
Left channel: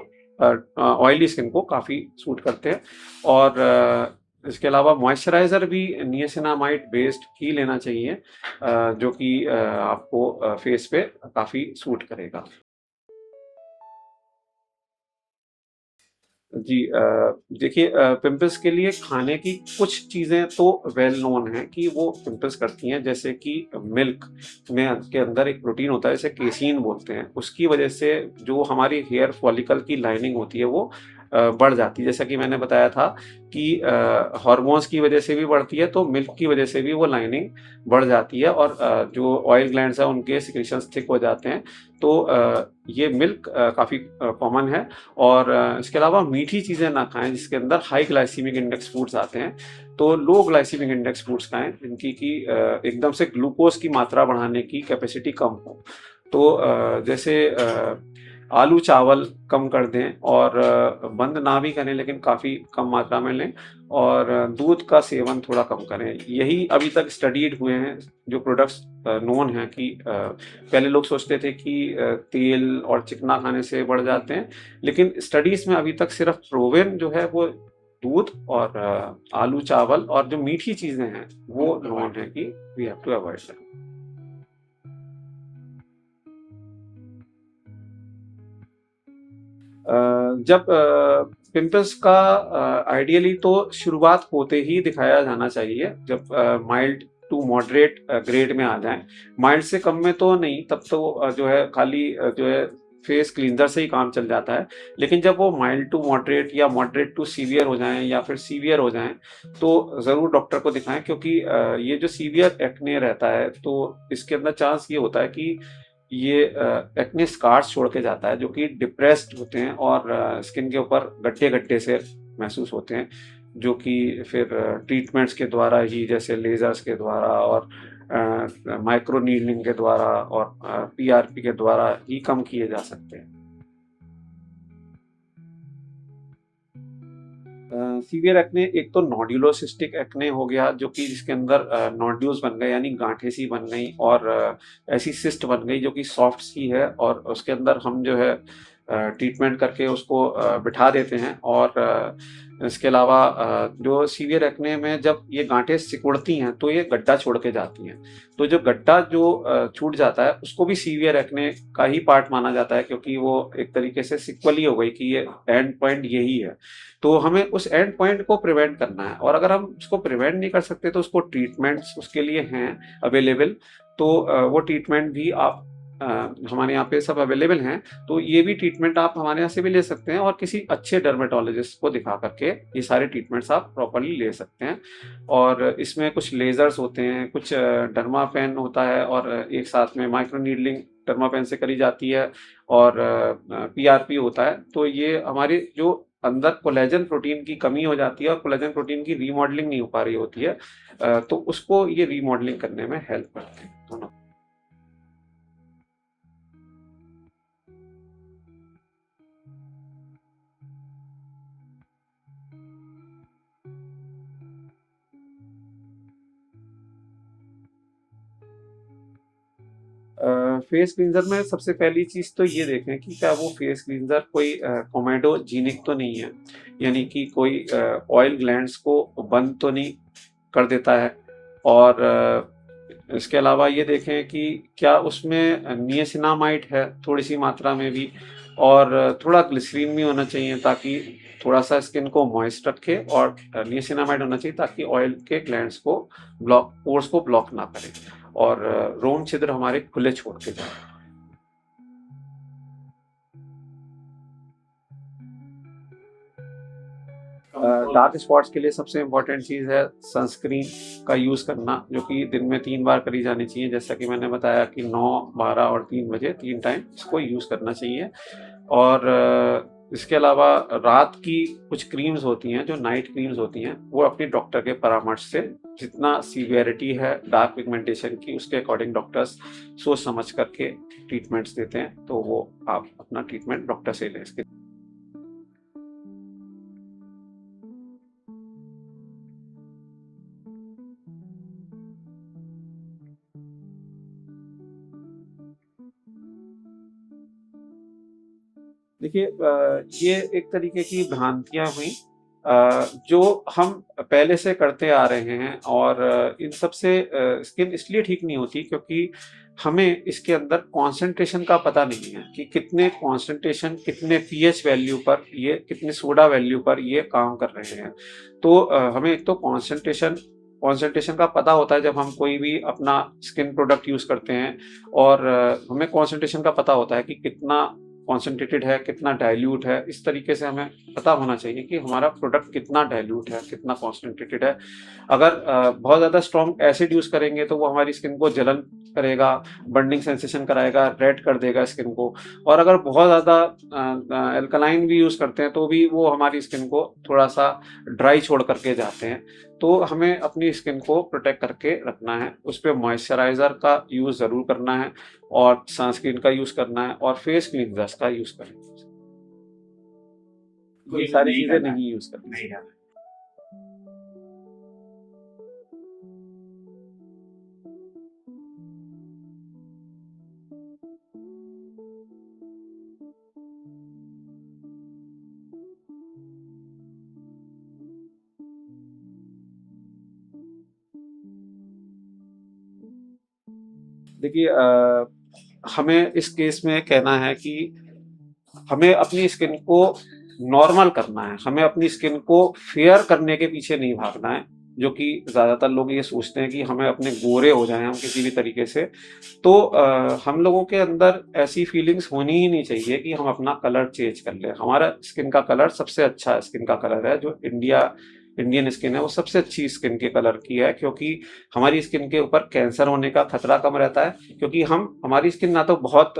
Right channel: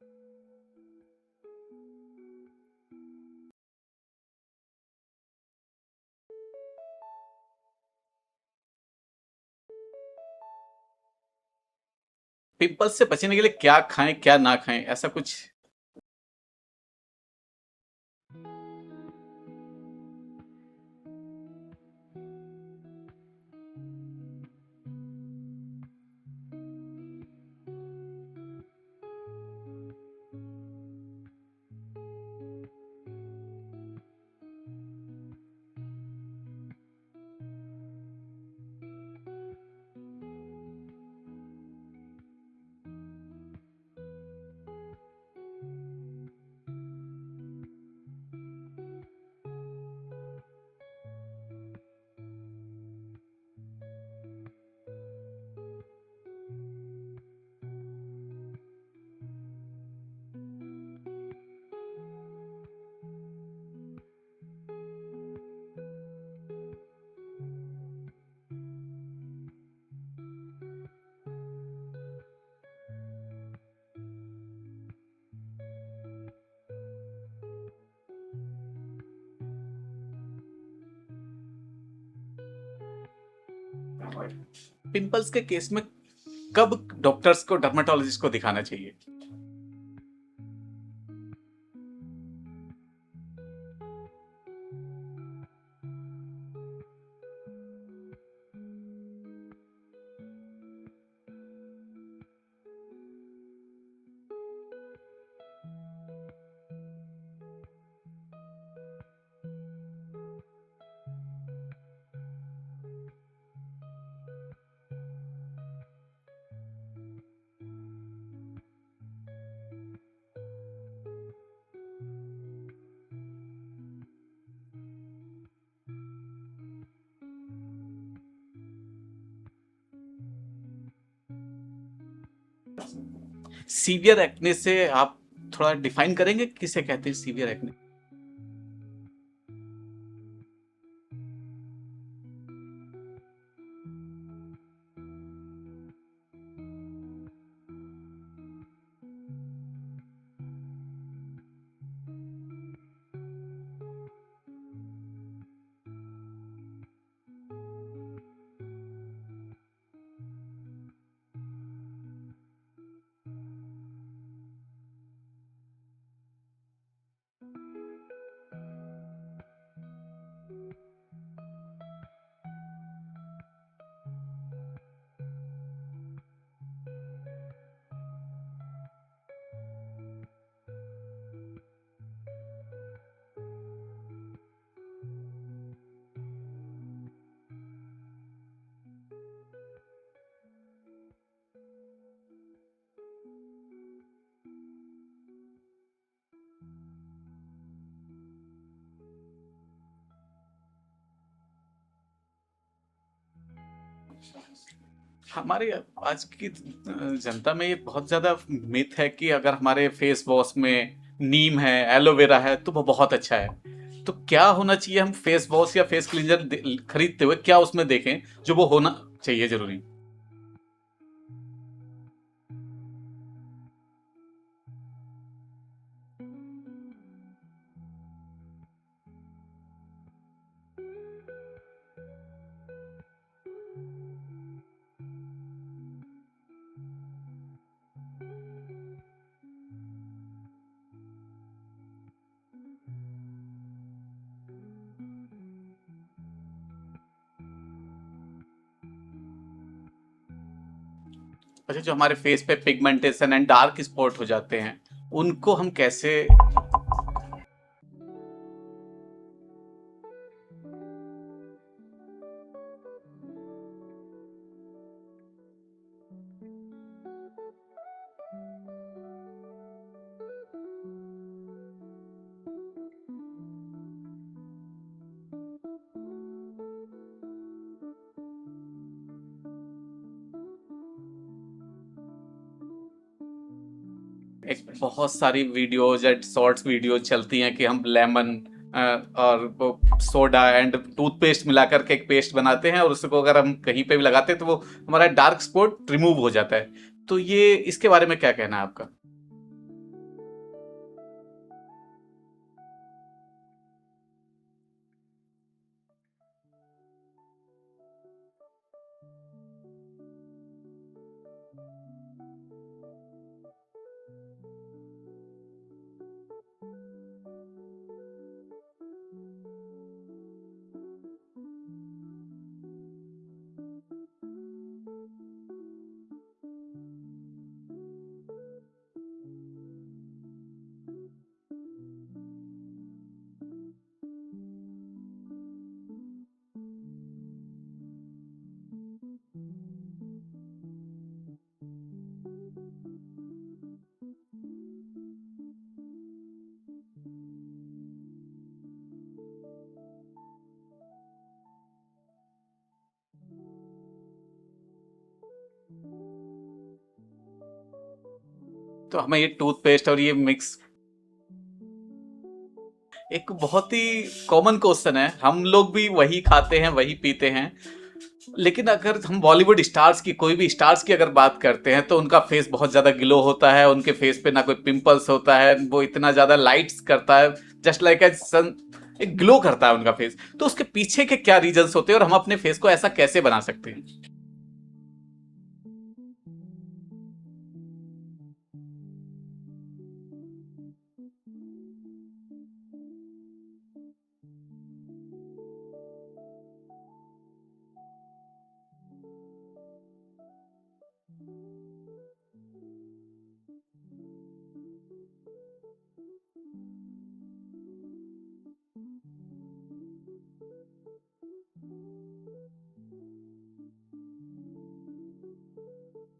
ऑयली स्किन को काफ़ी सूट करते हैं। और इसके अलावा मॉइस्चराइज़र भी नियासिनामाइड बेस्ड ही लेना चाहिए, जो कि आपको फेस पे काफ़ी सूट करेगा। पिंपल्स से बचने के लिए क्या खाएं क्या ना खाएं, ऐसा कुछ? जी, देखिए, पिंपल्स के लिए खाने की कुछ चीज़ें तो वेल नोन हैं कि वो पिंपल्स करती हैं, जैसे कि मिल्क में के अंदर एक प्रोटीन होता है जिसे केसीन बोलते हैं। उसकी वजह से जो हमारी हेयर फॉलिकल की लाइनिंग होती है वो बढ़ जाती है। जैसा कि मैंने बताया था कि हार्मोन्स की वजह से भी बढ़ती है, तो मिल्क की वजह से भी वो लाइनिंग बढ़ जाती है, और जो ऑयल ग्लैंड्स हैं उनके सिक्रीशंस थिक हो जाते हैं। तो ये मिल्क काफ़ी कॉमन है। और इसके अलावा मीठी चीज़ें ना खाएँ जिसके अंदर हाई ग्लाइसेमिक इंडेक्स फूड्स आते हैं। तो लो ग्लाइसेमिक इंडेक्स फूड्स खाएँ जिनकी कि एकदम से ग्लूकोज़ की मात्रा बढ़ाने की कैपेसिटी कम हो। तो जैसे आलू चावल कम कर दें, और बंद ना भी करें लेकिन काफ़ी कम मात्रा में लें, और दूध का सेवन थोड़ा कम करें। यही अभी तक स्टडीड हुए हैं जो प्रोडक्ट्स नोन हैं कि पहले लोग सोचते थे कि तेल और चिकना खाने से बढ़ जाते हैं, लेकिन स्टडीज़ में अभी तक सिर्फ प्रूवन जो है वो दूध और आलू चावल और जो मीठी चीज़ें हैं वो नोन है कि we have to avoid them. Pimples के केस में कब डॉक्टर्स को, डर्मेटोलॉजिस्ट को दिखाना चाहिए? जब पिंपल्स का आइडियली तो शुरुआत होते ही दिखाया जाना चाहिए, जब माइल्ड टू मॉडरेट ग्रेड में आ जाएं। माइल्ड से कम में तो नहीं, तब तो जो है खाली जो है फेस क्लींजर से ही काम चल जाता है। लेकिन जब वो माइल्ड टू मॉडरेट या मॉडरेट टू सीवियर हो जाएं या फिर सीवियर हो जाएं, तो ज़रूर डॉक्टर को दिखाएं, क्योंकि ये जो सीवियर एक्ने रहता है तो इसके अंदर चांस ये होता है कि ये एक्ने स्कार्स छोड़ के जाता है जो कि डिप्रेस्ड होते हैं, और स्किन के ऊपर गड्ढे-गड्ढे से महसूस होते हैं, जो कि फिर ट्रीटमेंट्स के द्वारा ही, जैसे लेज़र्स के द्वारा और माइक्रो नीडलिंग के द्वारा और पीआरपी के द्वारा ही कम किए जा सकते हैं। सीवियर एक्ने से आप थोड़ा डिफाइन करेंगे किसे कहते हैं सीवियर एक्ने? सीवियर एक्ने एक तो नोड्यूलोसिस्टिक एक्ने हो गया, जो कि जिसके अंदर नोड्यूल्स बन गए यानी गांठें सी बन गई, और ऐसी सिस्ट बन गई जो कि सॉफ्ट सी है, और उसके अंदर हम जो है ट्रीटमेंट करके उसको बिठा देते हैं। और इसके अलावा जो सीवियर एक्ने में जब ये गांठें सिकुड़ती हैं तो ये गड्ढा छोड़ के जाती हैं। तो जो गड्ढा जो छूट जाता है उसको भी सीवियर एक्ने का ही पार्ट माना जाता है, क्योंकि वो एक तरीके से सिक्वल ही हो गई कि ये एंड पॉइंट यही है। तो हमें उस एंड पॉइंट को प्रिवेंट करना है, और अगर हम उसको प्रिवेंट नहीं कर सकते तो उसको ट्रीटमेंट्स उसके लिए हैं अवेलेबल। तो वो ट्रीटमेंट भी आप हमारे यहाँ पे सब अवेलेबल हैं। तो ये भी ट्रीटमेंट आप हमारे यहाँ से भी ले सकते हैं, और किसी अच्छे डर्मेटोलॉजिस्ट को दिखा करके ये सारे ट्रीटमेंट्स आप प्रॉपर्ली ले सकते हैं। और इसमें कुछ लेज़र्स होते हैं, कुछ डर्मापेन होता है, और एक साथ में माइक्रो नीडलिंग डर्मापेन से करी जाती है, और पीआरपी होता है। तो ये हमारे जो अंदर कोलेजन प्रोटीन की कमी हो जाती है और कोलेजन प्रोटीन की रीमॉडलिंग नहीं हो पा रही होती है, तो उसको ये रीमॉडलिंग करने में हेल्प करते हैं दोनों। हमारे आज की जनता में ये बहुत ज्यादा मिथ है कि अगर हमारे फेस वॉश में नीम है, एलोवेरा है तो वो बहुत अच्छा है। तो क्या होना चाहिए, हम फेस वॉश या फेस क्लींजर खरीदते हुए क्या उसमें देखें जो वो होना चाहिए जरूरी? फेस क्लींजर में सबसे पहली चीज़ तो ये देखें कि क्या वो फेस क्लींजर कोई कोमेडोजेनिक तो नहीं है, यानी कि कोई ऑयल ग्लैंड्स को बंद तो नहीं कर देता है। और इसके अलावा ये देखें कि क्या उसमें नियासिनामाइड है थोड़ी सी मात्रा में भी, और थोड़ा ग्लिसरीन भी होना चाहिए ताकि थोड़ा सा स्किन को मॉइस्ट रखे और नियासिनामाइड होना चाहिए ताकि ऑयल के ग्लैंड्स को पोर्स को ब्लॉक ना करे और रोम छिद्र हमारे खुले छोड़ के जाए। अच्छा, जो हमारे फेस पे पिगमेंटेशन एंड डार्क स्पॉट हो जाते हैं, उनको हम कैसे डार्क स्पॉट्स के लिए सबसे इम्पोर्टेंट चीज़ है सनस्क्रीन का यूज़ करना, जो कि दिन में 3 बार करी जानी चाहिए। जैसा कि मैंने बताया कि 9, 12 और 3 बजे 3 टाइम इसको यूज़ करना चाहिए। और इसके अलावा रात की कुछ क्रीम्स होती हैं, जो नाइट क्रीम्स होती हैं, वो अपने डॉक्टर के परामर्श से जितना सीवियरिटी है डार्क पिगमेंटेशन की उसके अकॉर्डिंग डॉक्टर्स सोच समझ करके ट्रीटमेंट्स देते हैं, तो वो आप अपना ट्रीटमेंट डॉक्टर से लें। इसके एक बहुत सारी वीडियोज एंड शॉर्ट्स वीडियो चलती हैं कि हम लेमन और वो सोडा एंड टूथपेस्ट मिला करके एक पेस्ट बनाते हैं और उसको अगर हम कहीं पे भी लगाते हैं तो वो हमारा डार्क स्पॉट रिमूव हो जाता है। तो ये इसके बारे में क्या कहना है आपका? देखिए, ये एक तरीके की भ्रांतियां हुई जो हम पहले से करते आ रहे हैं, और इन सब से स्किन इसलिए ठीक नहीं होती क्योंकि हमें इसके अंदर कंसंट्रेशन का पता नहीं है कि कितने कंसंट्रेशन, कितने पीएच वैल्यू पर ये, कितने सोडा वैल्यू पर ये काम कर रहे हैं। तो हमें एक तो कंसंट्रेशन का पता होता है जब हम कोई भी अपना स्किन प्रोडक्ट यूज़ करते हैं, और हमें कंसंट्रेशन का पता होता है कि कितना कॉन्सेंट्रेटेड है, कितना डाइल्यूट है। इस तरीके से हमें पता होना चाहिए कि हमारा प्रोडक्ट कितना डाइल्यूट है, कितना कॉन्सेंट्रेटेड है। अगर बहुत ज़्यादा स्ट्रॉन्ग एसिड यूज़ करेंगे तो वो हमारी स्किन को जलन करेगा, बर्निंग सेंसेशन कराएगा, रेड कर देगा स्किन को। और अगर बहुत ज़्यादा एल्कलाइन भी यूज़ करते हैं तो भी वो हमारी स्किन को थोड़ा सा ड्राई छोड़ करके जाते हैं। तो हमें अपनी स्किन को प्रोटेक्ट करके रखना है, उस पर मॉइस्चराइज़र का यूज़ ज़रूर करना है, और सनस्क्रीन का यूज़ करना है, और फेस क्लींजर्स का यूज़ करना है। तो हमें ये टूथपेस्ट और ये मिक्स ये सारी चीज़ें नहीं यूज़ करनी है। एक बहुत ही कॉमन क्वेश्चन है, हम लोग भी वही खाते हैं वही पीते हैं, लेकिन अगर हम बॉलीवुड स्टार्स की, कोई भी स्टार्स की अगर बात करते हैं तो उनका फेस बहुत ज़्यादा ग्लो होता है, उनके फेस पे ना कोई पिंपल्स होता है, वो इतना ज़्यादा लाइट्स करता है, जस्ट लाइक ए सन, एक ग्लो करता है उनका फेस। तो उसके पीछे के क्या रीजंस होते हैं और हम अपने फेस को ऐसा कैसे बना सकते हैं? देखिए, हमें इस केस में कहना है कि हमें अपनी स्किन को नॉर्मल करना है, हमें अपनी स्किन को फेयर करने के पीछे नहीं भागना है, जो कि ज़्यादातर लोग ये सोचते हैं कि हमें अपने गोरे हो जाएं हम किसी भी तरीके से। तो हम लोगों के अंदर ऐसी फीलिंग्स होनी ही नहीं चाहिए कि हम अपना कलर चेंज कर लें। हमारा स्किन का कलर सबसे अच्छा स्किन का कलर है, जो इंडियन स्किन है, वो सबसे अच्छी स्किन के कलर की है, क्योंकि हमारी स्किन के ऊपर कैंसर होने का खतरा कम रहता है, क्योंकि हमारी स्किन ना तो बहुत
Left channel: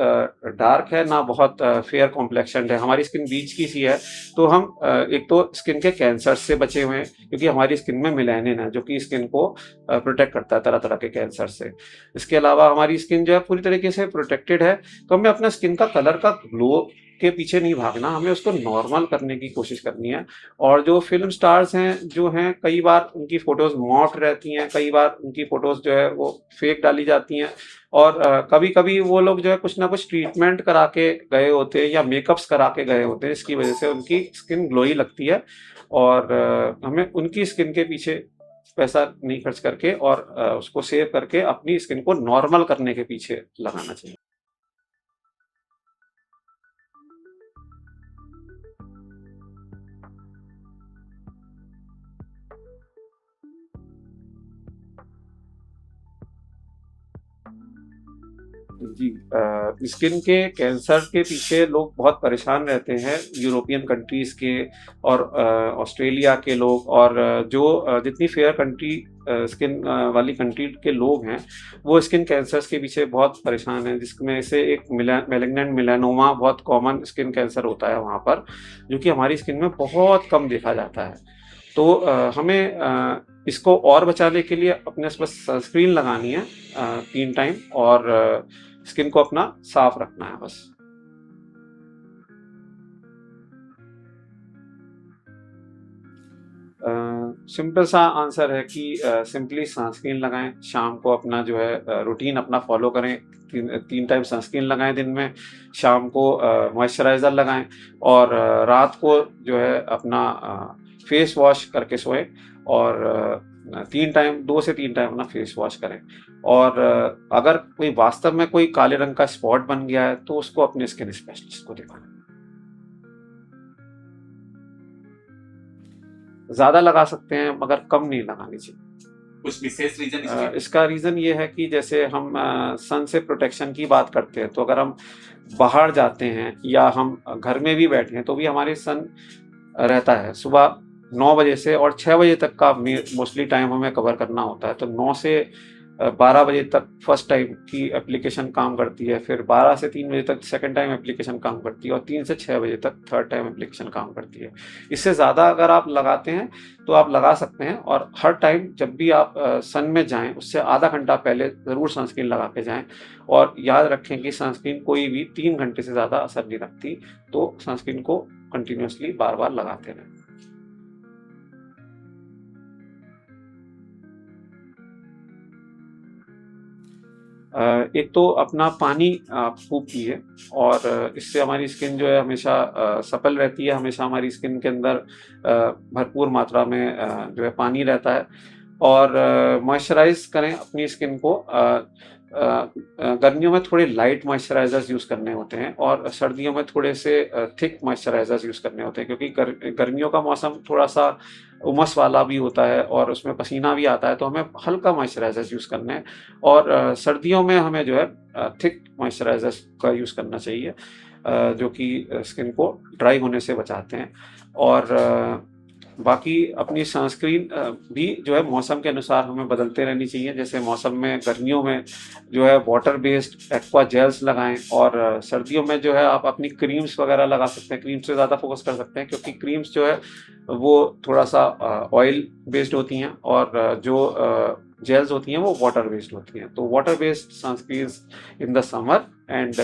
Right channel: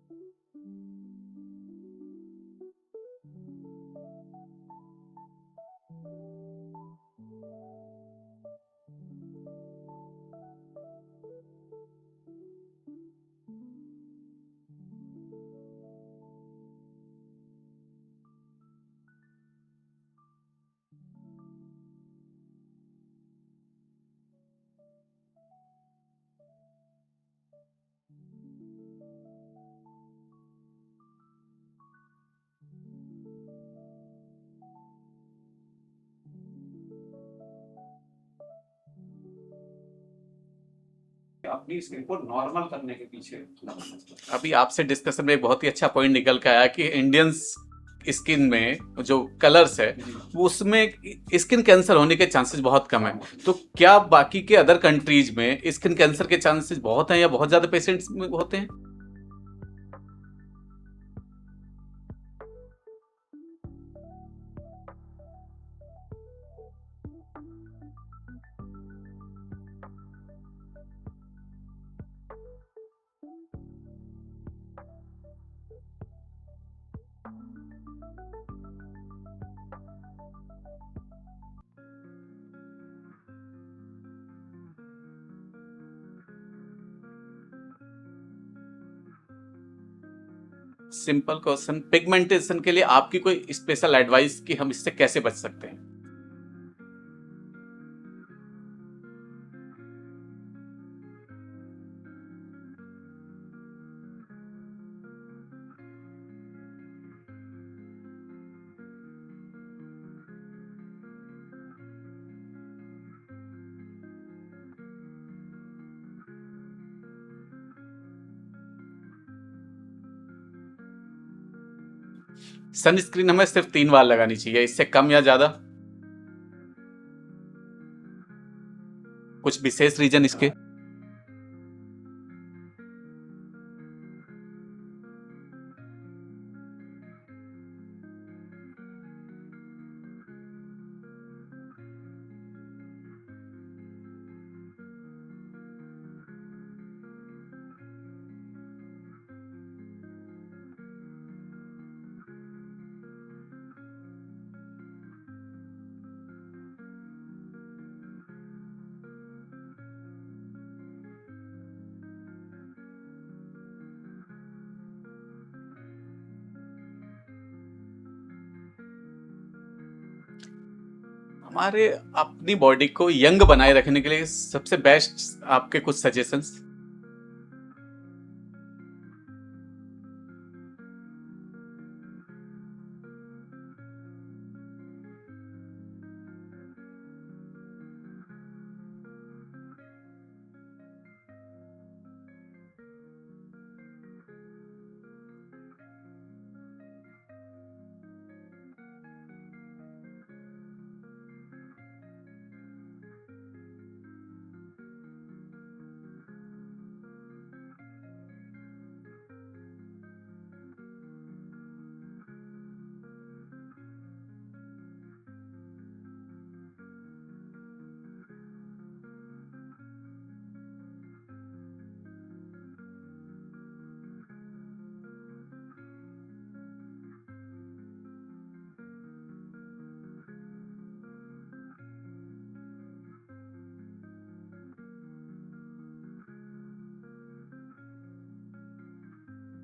डार्क है ना बहुत फेयर कॉम्प्लेक्शन्ड है, हमारी स्किन बीच की सी है। तो हम एक तो स्किन के कैंसर से बचे हुए हैं, क्योंकि हमारी स्किन में मेलानिन है जो कि स्किन को प्रोटेक्ट करता है तरह तरह के कैंसर से। इसके अलावा हमारी स्किन जो है पूरी तरीके से प्रोटेक्टेड है। तो हमें अपना स्किन का कलर का ग्लो के पीछे नहीं भागना, हमें उसको नॉर्मल करने की कोशिश करनी है। और जो फिल्म स्टार्स हैं जो हैं, कई बार उनकी फ़ोटोज़ मॉर्फ्ड रहती हैं, कई बार उनकी फ़ोटोज़ जो है वो फेक डाली जाती हैं, और कभी-कभी वो लोग जो है कुछ ना कुछ ट्रीटमेंट करा के गए होते हैं या मेकअप्स करा के गए होते हैं, इसकी वजह से उनकी स्किन ग्लोई लगती है। और हमें उनकी स्किन के पीछे पैसा नहीं खर्च करके और उसको सेव करके अपनी स्किन को नॉर्मल करने के पीछे लगाना चाहिए। अभी आपसे डिस्कशन में एक बहुत ही अच्छा पॉइंट निकल के आया कि इंडियंस स्किन में जो कलर्स है वो उसमें स्किन कैंसर होने के चांसेस बहुत कम है। तो क्या बाकी के अदर कंट्रीज में स्किन कैंसर के चांसेस बहुत हैं या बहुत ज़्यादा पेशेंट्स में होते हैं? जी, स्किन के कैंसर के पीछे लोग बहुत परेशान रहते हैं, यूरोपियन कंट्रीज़ के और ऑस्ट्रेलिया के लोग, और जो जितनी फेयर कंट्री स्किन वाली कंट्री के लोग हैं, वो स्किन कैंसर्स के पीछे बहुत परेशान हैं, जिसमें से एक मैलिग्नेंट मेलानोमा बहुत कॉमन स्किन कैंसर होता है वहाँ पर, जो कि हमारी स्किन में बहुत कम देखा जाता है। तो हमें इसको और बचाने के लिए अपने बस सनस्क्रीन लगानी है 3 टाइम, और स्किन को अपना साफ रखना है बस। सिंपल क्वेश्चन, पिगमेंटेशन के लिए आपकी कोई स्पेशल एडवाइस कि हम इससे कैसे बच सकते हैं? सिंपल सा आंसर है कि सिंपली सनस्क्रीन लगाएं, शाम को अपना जो है रूटीन अपना फॉलो करें, 3 टाइम सनस्क्रीन लगाएं दिन में, शाम को मॉइस्चराइज़र लगाएं, और रात को जो है अपना फेस वॉश करके सोएं, और 2 से 3 टाइम अपना फेस वॉश करें। और अगर कोई वास्तव में कोई काले रंग का स्पॉट बन गया है तो उसको अपने स्किन स्पेशलिस्ट को दिखाएं। सनस्क्रीन हमें सिर्फ 3 बार लगानी चाहिए, इससे कम या ज़्यादा? ज़्यादा लगा सकते हैं मगर कम नहीं लगानी चाहिए। कुछ विशेष रीज़न इसके? इसका रीज़न ये है कि जैसे हम सन से प्रोटेक्शन की बात करते हैं, तो अगर हम बाहर जाते हैं या हम घर में भी बैठे हैं, तो भी हमारे सन रहता है। सुबह 9 बजे से और 6 बजे तक का मोस्टली टाइम हमें कवर करना होता है। तो 9 से 12 बजे तक फर्स्ट टाइम की एप्लीकेशन काम करती है, फिर 12 से 3 बजे तक सेकंड टाइम एप्लीकेशन काम करती है और 3 से 6 बजे तक थर्ड टाइम एप्लीकेशन काम करती है। इससे ज़्यादा अगर आप लगाते हैं, तो आप लगा सकते हैं और हर टाइम जब भी आप सन में जाएँ, उससे आधा घंटा पहले ज़रूर सनस्क्रीन लगा के जाएँ और याद रखें कि सनस्क्रीन कोई भी 3 घंटे से ज़्यादा असर नहीं रखती, तो सनस्क्रीन को कंटिन्यूअसली बार-बार लगाते रहें। हमारे अपनी बॉडी को यंग बनाए रखने के लिए सबसे बेस्ट आपके कुछ सजेशंस? एक तो अपना पानी आप खूब पिए और इससे हमारी स्किन जो है हमेशा सपल रहती है, हमेशा हमारी स्किन के अंदर भरपूर मात्रा में जो है पानी रहता है और मॉइस्चराइज़ करें अपनी स्किन को। गर्मियों में थोड़े लाइट मॉइस्चराइज़र्स यूज़ करने होते हैं और सर्दियों में थोड़े से थिक मॉइस्चराइज़र्स यूज़ करने होते हैं, क्योंकि गर्मियों का मौसम थोड़ा-सा उमस वाला भी होता है और उसमें पसीना भी आता है, तो हमें हल्का मॉइस्चराइज़र्स यूज़ करने हैं और सर्दियों में हमें जो है थिक मॉइस्चराइज़र्स का यूज़ करना चाहिए, जो कि स्किन को ड्राई होने से बचाते हैं। और बाकी अपनी सनस्क्रीन भी जो है मौसम के अनुसार हमें बदलते रहनी चाहिए। जैसे मौसम में गर्मियों में जो है वाटर बेस्ड एक्वा जेल्स लगाएँ और सर्दियों में जो है आप अपनी क्रीम्स वगैरह लगा सकते हैं। क्रीम्स पे ज़्यादा फ़ोकस कर सकते हैं, क्योंकि क्रीम्स जो है वो थोड़ा-सा ऑयल बेस्ड होती हैं और जो जेल्स होती हैं वो वाटर बेस्ड होती हैं। तो water based sunscreens in the summer and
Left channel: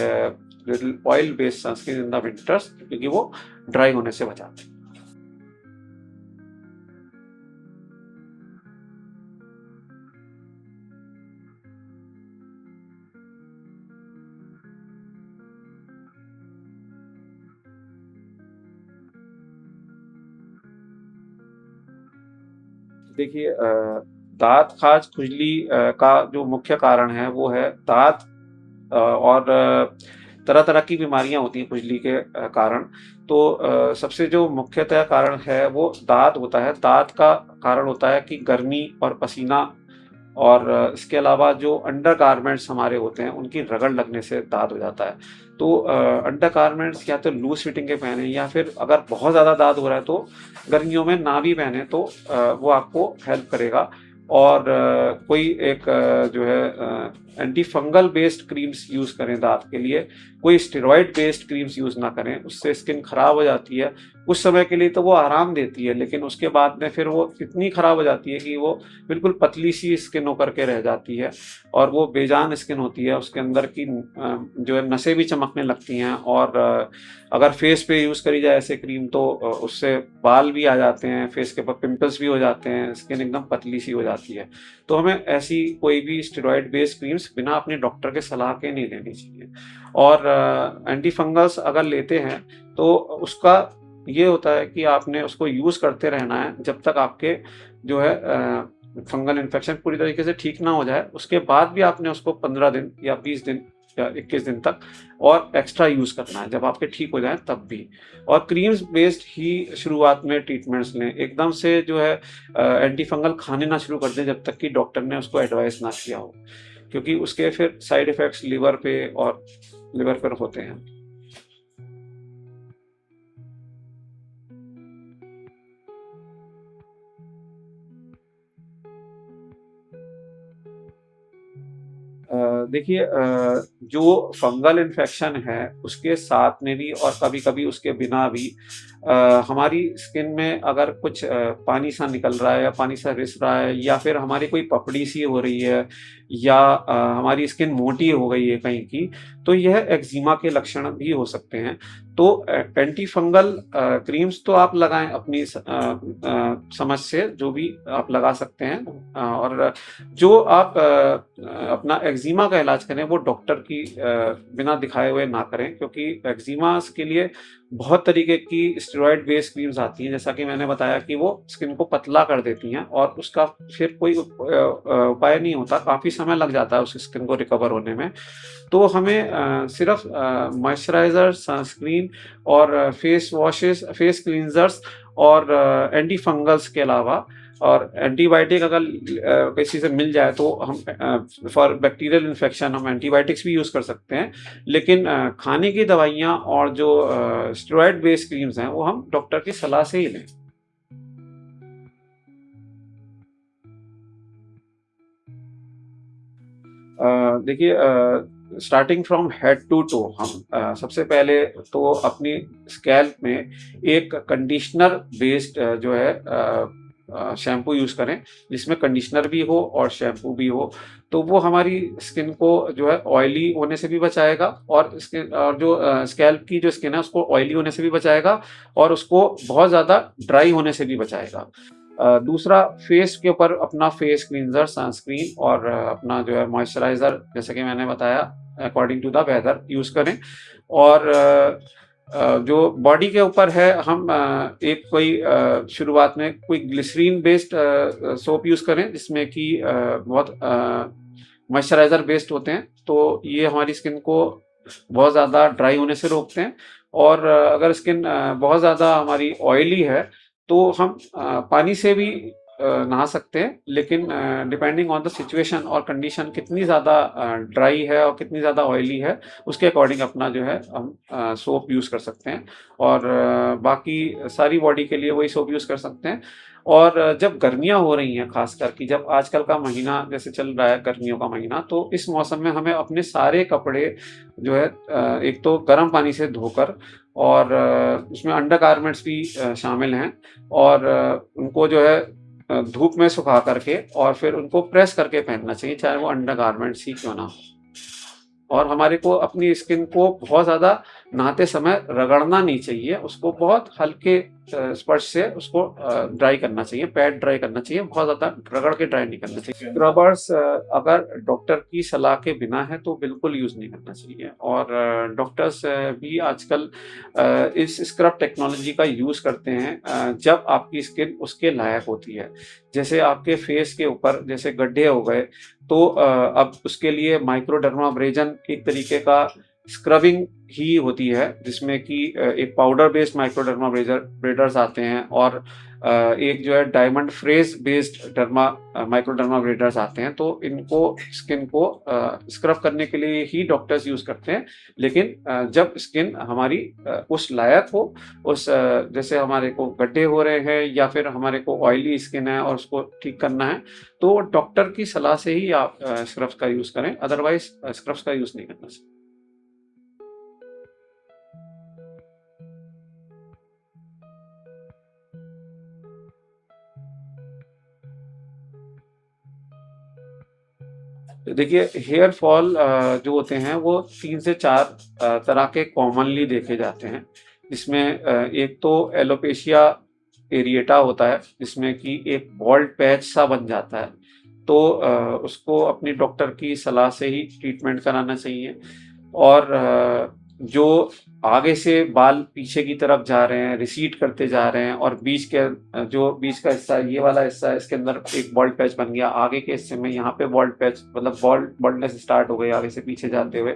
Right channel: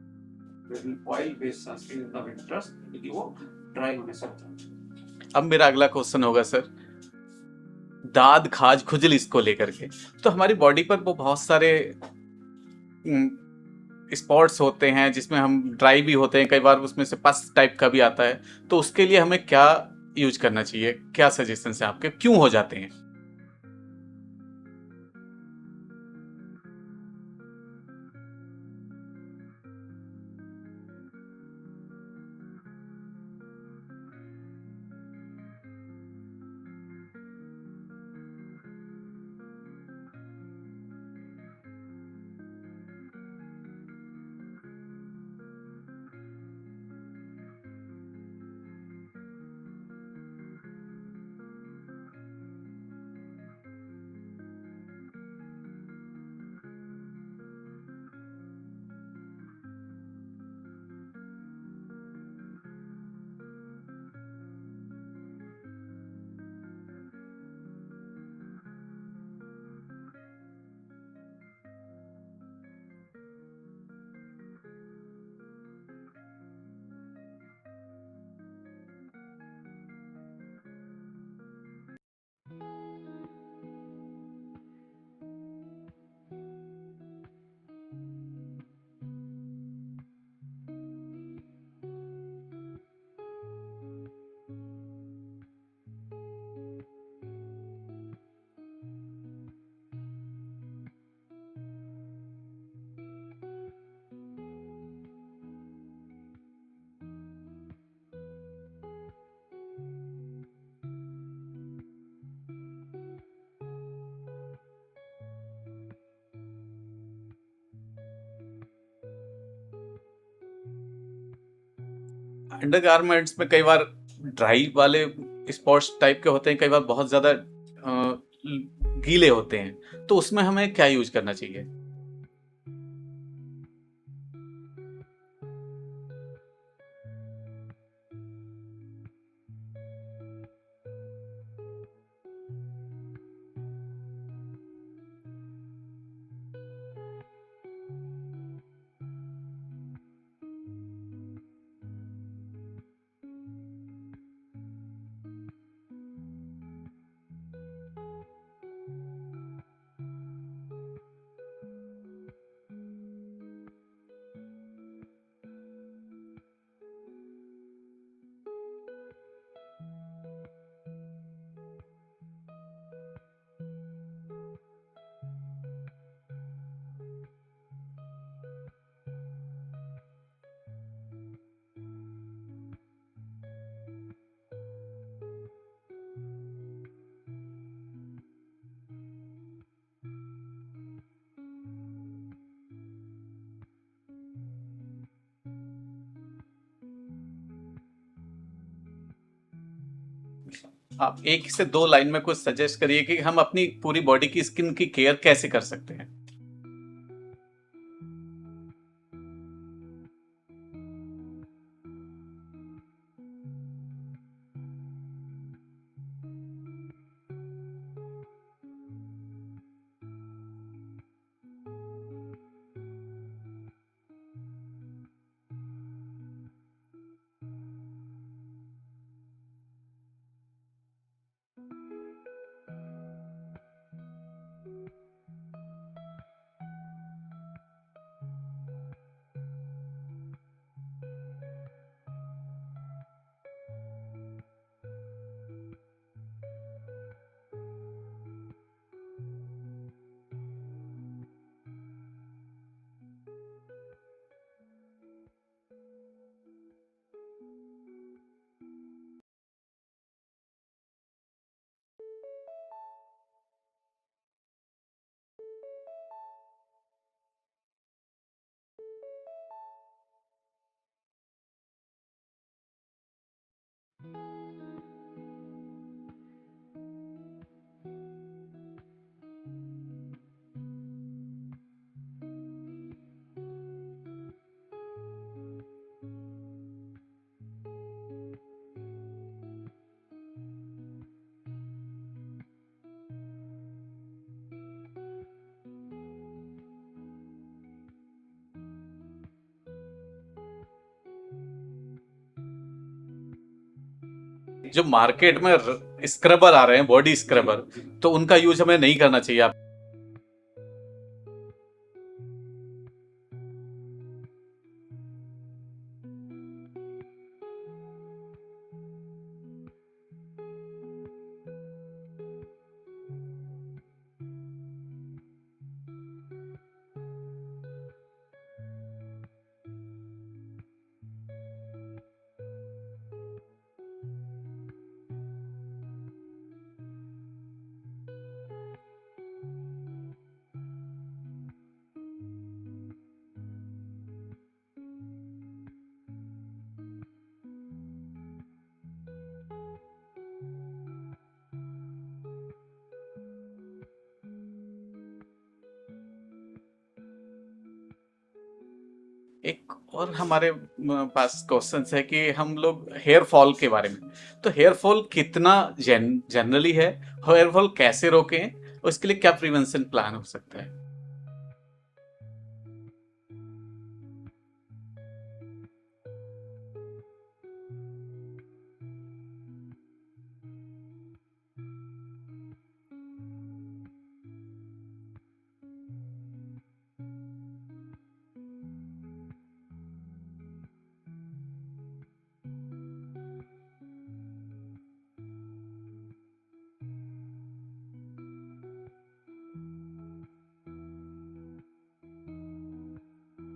little oil based sunscreen in the winters, क्योंकि वो ड्राई होने से बचाते हैं। अब मेरा अगला क्वेश्चन होगा सर, दाद, खाज, खुजली इसको लेकर के। तो हमारी बॉडी पर वो बहुत सारे स्पॉट्स होते हैं जिसमें हम ड्राई भी होते हैं, कई बार उसमें से पस टाइप का भी आता है, तो उसके लिए हमें क्या यूज करना चाहिए? क्या सजेशन है आपके, क्यों हो जाते हैं? देखिए, दाँत, खाज, खुजली का जो मुख्य कारण है वो है दाँत और तरह-तरह की बीमारियाँ होती हैं खुजली के कारण। तो सबसे जो मुख्यतः कारण है वो दाँत होता है। दाँत का कारण होता है कि गर्मी और पसीना और इसके अलावा जो अंडरगारमेंट्स हमारे होते हैं उनकी रगड़ लगने से दाद हो जाता है। तो अंडरगारमेंट्स या तो लूज़ फिटिंग के पहने या फिर अगर बहुत ज़्यादा दाद हो रहा है तो गर्मियों में ना भी पहने, तो वो आपको हेल्प करेगा। और कोई एक जो है anti fungal based creams use करें दाँत के लिए। कोई स्टेरॉइड बेस्ड क्रीम्स यूज़ ना करें, उससे स्किन खराब हो जाती है। कुछ समय के लिए तो वो आराम देती है, लेकिन उसके बाद में फिर वो इतनी खराब हो जाती है कि वो बिल्कुल पतली-सी स्किन होकर के रह जाती है और वो बेजान स्किन होती है। उसके अंदर की जो है नसें भी चमकने लगती हैं और अगर फेस पे यूज़ करी जाए ऐसे क्रीम तो उससे बाल भी आ जाते हैं, फेस के ऊपर पिंपल्स भी हो जाते हैं, स्किन एकदम पतली-सी हो जाती है। तो हमें ऐसी कोई भी स्टेरॉइड बेस्ड क्रीम्स बिना अपने डॉक्टर के सलाह के नहीं लेनी चाहिए। और एंटी फंगल्स अगर लेते हैं तो उसका ये होता है कि आपने उसको यूज़ करते रहना है जब तक आपके जो है फंगल इन्फेक्शन पूरी तरीके से ठीक ना हो जाए। उसके बाद भी आपने उसको 15 दिन या 20 दिन या 21 दिन तक और एक्स्ट्रा यूज़ करना है, जब आपके ठीक हो जाएँ तब भी। और क्रीम्स बेस्ड ही शुरुआत में ट्रीटमेंट्स लें। एकदम से जो है एंटी फंगल खाने ना शुरू कर दें जब तक कि डॉक्टर ने उसको एडवाइस ना किया हो, क्योंकि उसके फिर साइड इफ़ेक्ट्स लिवर पर होते हैं। अंडरगारमेंट्स में कई बार ड्राई वाले स्पॉट्स टाइप के होते हैं, कई बार बहुत ज्यादा गीले होते हैं, तो उसमें हमें क्या यूज करना चाहिए? देखिए, जो फंगल इन्फेक्शन है उसके साथ में भी और कभी-कभी उसके बिना भी हमारी स्किन में अगर कुछ पानी सा निकल रहा है या पानी सा रिस रहा है या फिर हमारी कोई पपड़ी सी हो रही है या हमारी स्किन मोटी हो गई है कहीं की, तो यह एक्जिमा के लक्षण भी हो सकते हैं। तो एंटी फंगल क्रीम्स तो आप लगाएँ अपनी समझ से, जो भी आप लगा सकते हैं। और जो आप अपना एक्जिमा का इलाज करें वो डॉक्टर की बिना दिखाए हुए ना करें, क्योंकि एक्जिमा के लिए बहुत तरीके की स्टेरॉइड बेस्ड क्रीम्स आती हैं, जैसा कि मैंने बताया कि वो स्किन को पतला कर देती हैं और उसका फिर कोई उपाय नहीं होता, काफ़ी समय लग जाता है उस स्किन को रिकवर होने में। तो हमें सिर्फ़ मॉइस्चराइज़र, सनस्क्रीन और फेस वॉशेज़, फेस क्लींज़र्स और एंटी फंगल्स के अलावा और एंटीबायोटिक अगर किसी से मिल जाए तो हम फॉर बैक्टीरियल इन्फेक्शन हम एंटीबायोटिक्स भी यूज़ कर सकते हैं। लेकिन खाने की दवाइयाँ और जो स्टेरॉइड बेस्ड क्रीम्स हैं, वो हम डॉक्टर की सलाह से ही लें। आप 1 से 2 लाइन में कुछ सजेस्ट करिए कि हम अपनी पूरी बॉडी की स्किन की केयर कैसे कर सकते हैं? देखिए starting from head to toe हम सबसे पहले तो अपनी स्कैल्प में एक कंडीशनर बेस्ड जो है शैम्पू यूज़ करें, जिसमें कंडीशनर भी हो और शैम्पू भी हो। तो वो हमारी स्किन को जो है ऑयली होने से भी बचाएगा और स्किन और जो स्कैल्प की जो स्किन है उसको ऑयली होने से भी बचाएगा और उसको बहुत ज़्यादा ड्राई होने से भी बचाएगा। दूसरा फेस के ऊपर अपना फेस क्लींजर, सनस्क्रीन और अपना जो है मॉइस्चराइज़र जैसे कि मैंने बताया according to the weather use करें और जो बॉडी के ऊपर है हम एक कोई शुरुआत में कोई ग्लिसरीन बेस्ड सोप यूज़ करें जिसमें कि बहुत मॉइस्चराइज़र बेस्ड होते हैं, तो ये हमारी स्किन को बहुत ज़्यादा ड्राई होने से रोकते हैं और अगर स्किन बहुत ज़्यादा हमारी ऑयली है, तो हम पानी से भी नहा सकते हैं, लेकिन डिपेंडिंग ऑन द सिचुएशन और कंडीशन कितनी ज़्यादा ड्राई है और कितनी ज़्यादा ऑयली है, उसके अकॉर्डिंग अपना जो है हम सोप यूज़ कर सकते हैं और बाकी सारी बॉडी के लिए वही सोप यूज़ कर सकते हैं। और जब गर्मियाँ हो रही हैं ख़ासकर कि जब आजकल का महीना जैसे चल रहा है गर्मियों का महीना, तो इस मौसम में हमें अपने सारे कपड़े जो है एक तो गर्म पानी से धोकर और उसमें अंडरगारमेंट्स भी शामिल हैं और उनको जो है धूप में सुखा करके और फिर उनको प्रेस करके पहनना चाहिए, चाहे वो अंडरगारमेंट्स ही क्यों ना हो। और हमारे को अपनी स्किन को बहुत ज़्यादा नहाते समय रगड़ना नहीं चाहिए, उसको बहुत हल्के जो स्पर्श से मार्केट में उसको ड्राई स्क्रबर आ करना रहे चाहिए, हैं, बॉडी पैट ड्राई स्क्रबर, करना चाहिए, बहुत तो ज़्यादा उनका यूज़ रगड़ हमें के नहीं ड्राई करना नहीं चाहिए करना आप। चाहिए। स्क्रबर्स अगर डॉक्टर की सलाह के बिना है तो बिल्कुल यूज़ नहीं करना चाहिए और डॉक्टर्स भी आजकल इस स्क्रब टेक्नोलॉजी का यूज़ करते हैं जब आपकी स्किन उसके लायक होती है। जैसे आपके फेस के ऊपर जैसे गड्ढे हो गए, तो अब उसके लिए माइक्रोडर्माब्रेजन एक तरीके का स्क्रबिंग ही होती है, जिसमें कि एक पाउडर बेस्ड माइक्रोडर्माब्रेडर्स आते हैं और एक जो है डायमंड फ्रेज़ बेस्ड माइक्रोडर्माब्रेडर्स आते हैं, तो इनको स्किन को स्क्रब करने के लिए ही डॉक्टर्स यूज़ करते हैं। लेकिन जब स्किन हमारी उस लायक हो, जैसे हमारे को गड्ढे हो रहे हैं या फिर हमारे को ऑयली स्किन है और उसको ठीक करना है, तो डॉक्टर की सलाह से ही आप स्क्रब्स का यूज़ करें, अदरवाइज़ स्क्रब्स का यूज़ नहीं करना चाहिए। एक और हमारे पास क्वेश्चंस है कि हम लोग हेयर फॉल के बारे में, तो हेयर फॉल कितना जनरली है, हेयर फॉल कैसे रोकें, उसके लिए क्या प्रिवेंशन प्लान हो सकता है? तो देखिए हेयर फॉल जो होते हैं वो 3 से 4 तरह के कॉमनली देखे जाते हैं। इसमें एक तो एलोपेशिया एरिएटा होता है, जिसमें कि एक बाल्ड पैच सा बन जाता है। तो उसको अपनी डॉक्टर की सलाह से ही ट्रीटमेंट कराना चाहिए और जो आगे से बाल पीछे की तरफ जा रहे हैं, रिसीड करते जा रहे हैं और जो बीच का हिस्सा है, ये वाला हिस्सा है, इसके अंदर एक बाल्ड पैच बन गया। आगे के हिस्से में यहाँ पे बाल्ड पैच मतलब बाल्डनेस स्टार्ट हो गई आगे से पीछे जाते हुए।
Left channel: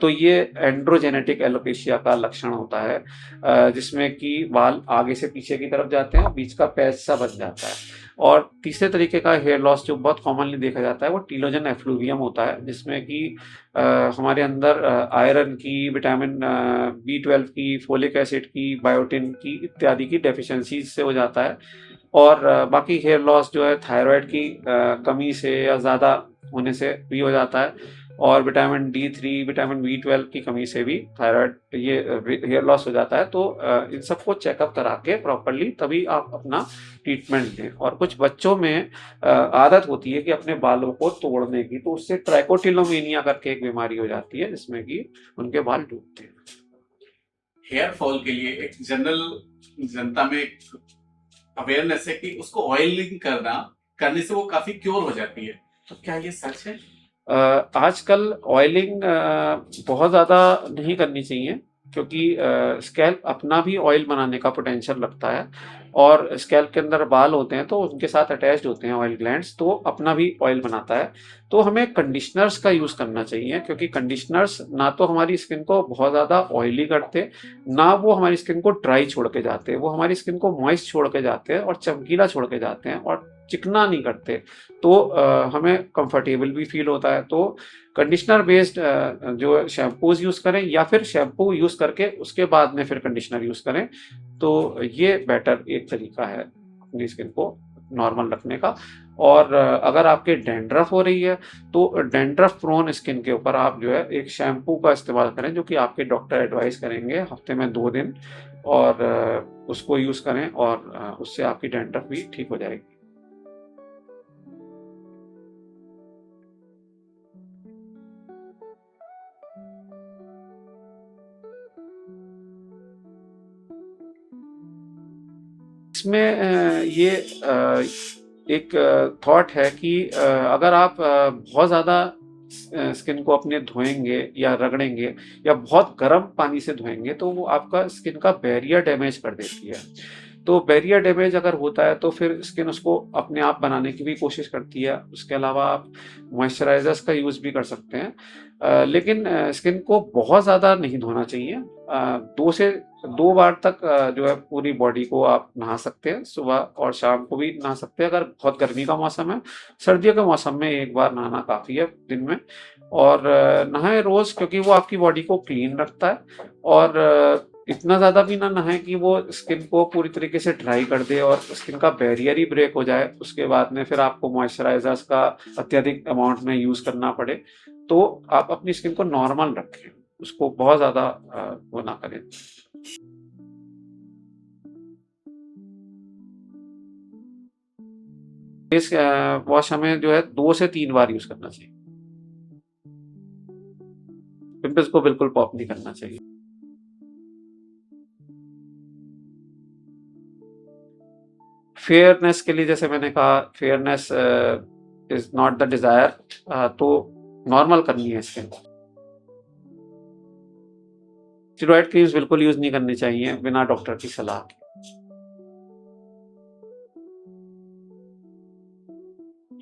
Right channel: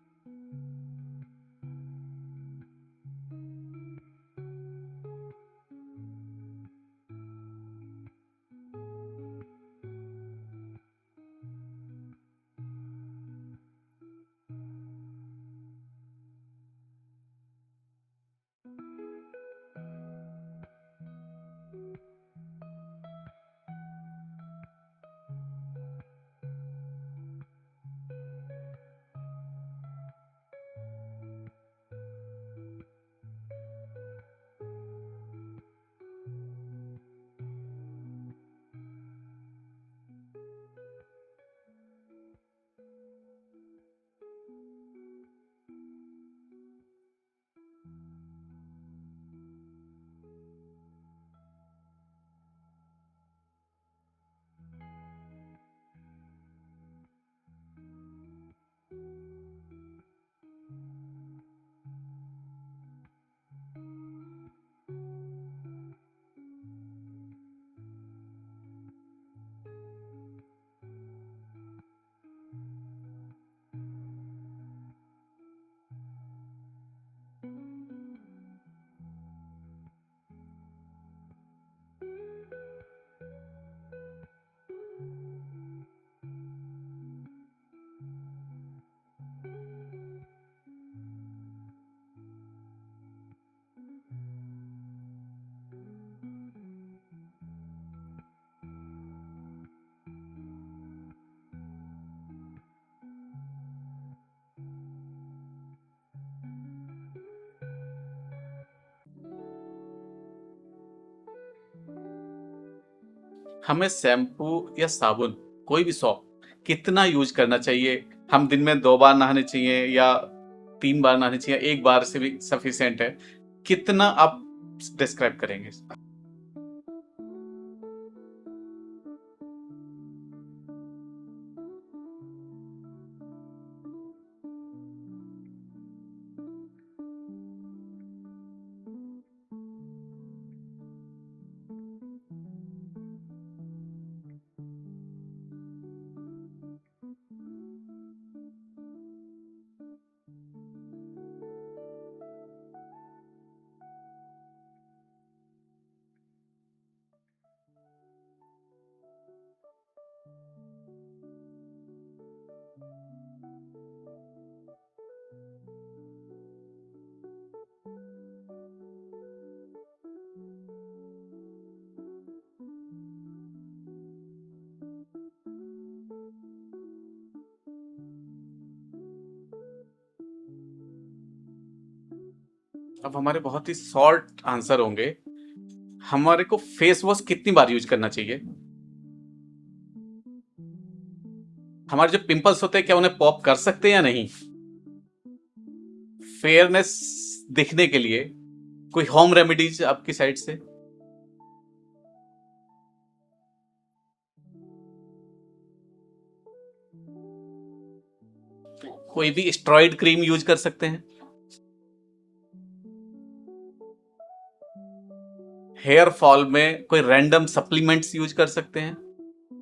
तो ये एंड्रोजेनेटिक एलोपेशिया का लक्षण होता है जिसमें कि बाल आगे से पीछे की तरफ जाते हैं, बीच का पैच सा बन जाता है। और तीसरे तरीके का हेयर लॉस जो बहुत कॉमनली देखा जाता है वो टीलोजन एफ्लूवियम होता है, जिसमें कि हमारे अंदर आयरन की, विटामिन B12 की, फोलिक एसिड की, बायोटिन की इत्यादि की डेफिशिएंसी से हो जाता है और बाकी हेयर लॉस जो है थायराइड की कमी से या ज़्यादा होने से भी हो जाता है और विटामिन D3, विटामिन B12 की कमी से भी थायराइड ये हेयर लॉस हो जाता है। तो इन सबको चेकअप करा के प्रॉपर्ली तभी आप अपना ट्रीटमेंट लें और कुछ बच्चों में आदत होती है कि अपने बालों को तोड़ने की, तो उससे ट्राइकोटिलोमेनिया करके एक बीमारी हो जाती है जिसमें कि उनके बाल टूटते हैं। हेयर फॉल के लिए एक जनरल जनता में एक अवेयरनेस है कि उसको ऑयलिंग करने से वो काफी क्योर हो जाती है, तो क्या ये सच है? आजकल ऑयलिंग बहुत ज़्यादा नहीं करनी चाहिए। क्योंकि स्कैल्प अपना भी ऑयल बनाने का पोटेंशियल रखता है, और स्कैल्प के अंदर बाल होते हैं तो उनके साथ अटैच्ड होते हैं ऑयल ग्लैंड्स, तो अपना भी ऑयल बनाता है। तो हमें कंडीशनर्स का यूज़ करना चाहिए, क्योंकि कंडीशनर्स ना तो हमारी स्किन को बहुत ज़्यादा ऑयली करते, ना वो हमारी स्किन को ड्राई छोड़ के जाते हैं। वो हमारी स्किन को मॉइस्ट छोड़ के जाते हैं और चमकीला छोड़ के जाते हैं, और चिकना नहीं करते। तो हमें कंफर्टेबल भी फील होता है। तो कंडीशनर बेस्ड जो शैम्पूज़ यूज़ करें, या फिर शैम्पू यूज़ करके उसके बाद में फिर कंडीशनर यूज़ करें, तो ये बेटर एक तरीका है अपनी स्किन को नॉर्मल रखने का। और अगर आपके डैंड्रफ हो रही है, तो डैंड्रफ प्रोन स्किन के ऊपर आप जो है एक शैम्पू का इस्तेमाल करें, जो कि आपके डॉक्टर एडवाइस करेंगे हफ्ते में 2 दिन, और उसको यूज़ करें, और उससे आपकी डैंड्रफ भी ठीक हो जाएगी। हमें शैम्पू या साबुन, कोई भी सॉप, कितना यूज करना चाहिए? हम दिन में 2 बार नहाने चाहिए या 3 बार नहाने चाहिए? 1 बार से भी सफिशिएंट है? कितना आप डिस्क्राइब करेंगे? इसमें ये एक थॉट है कि अगर आप बहुत ज़्यादा स्किन को अपने धोएंगे या रगड़ेंगे, या बहुत गर्म पानी से धोएंगे, तो वो आपका स्किन का बैरियर डैमेज कर देती है। तो बैरियर डैमेज अगर होता है, तो फिर स्किन उसको अपने आप बनाने की भी कोशिश करती है। उसके अलावा आप मॉइस्चराइजर्स का यूज़ भी कर सकते हैं। लेकिन स्किन को बहुत ज़्यादा नहीं धोना चाहिए। 2 से 2 बार तक जो है पूरी बॉडी को आप नहा सकते हैं, सुबह और शाम को भी नहा सकते हैं अगर बहुत गर्मी का मौसम है। सर्दियों के मौसम में 1 बार नहाना काफ़ी है दिन में, और नहाएँ रोज़, क्योंकि वो आपकी बॉडी को क्लीन रखता है। और इतना ज़्यादा भी ना नहाएँ कि वो स्किन को पूरी तरीके से ड्राई कर दे और स्किन का बैरियर ही ब्रेक हो जाए। उसके बाद में फिर आपको मॉइस्चराइज़र्स का अत्यधिक अमाउंट में यूज़ करना पड़े। तो आप अपनी स्किन को नॉर्मल रखें, उसको बहुत ज़्यादा वो ना करें। अब हमारे बहुत ही शॉर्ट आंसर होंगे। हमारे को फेस वॉश कितनी बार यूज करना चाहिए? फेस वॉश हमें जो है 2 से 3 बार यूज़ करना चाहिए। हमारे जो पिंपल्स होते हैं, क्या उन्हें पॉप कर सकते हैं या नहीं? पिंपल्स को बिल्कुल पॉप नहीं करना चाहिए। फेयरनेस दिखने के लिए कोई होम रेमेडीज आपकी साइड से? फेयरनेस के लिए जैसे मैंने कहा, fairness is not the desire, तो नॉर्मल करनी है स्किन। कोई भी स्टेरॉइड क्रीम यूज कर सकते हैं? स्टेरॉइड क्रीम्स बिल्कुल यूज़ नहीं करनी चाहिए बिना डॉक्टर की सलाह के। हेयर फॉल में कोई रैंडम सप्लीमेंट्स यूज कर सकते हैं?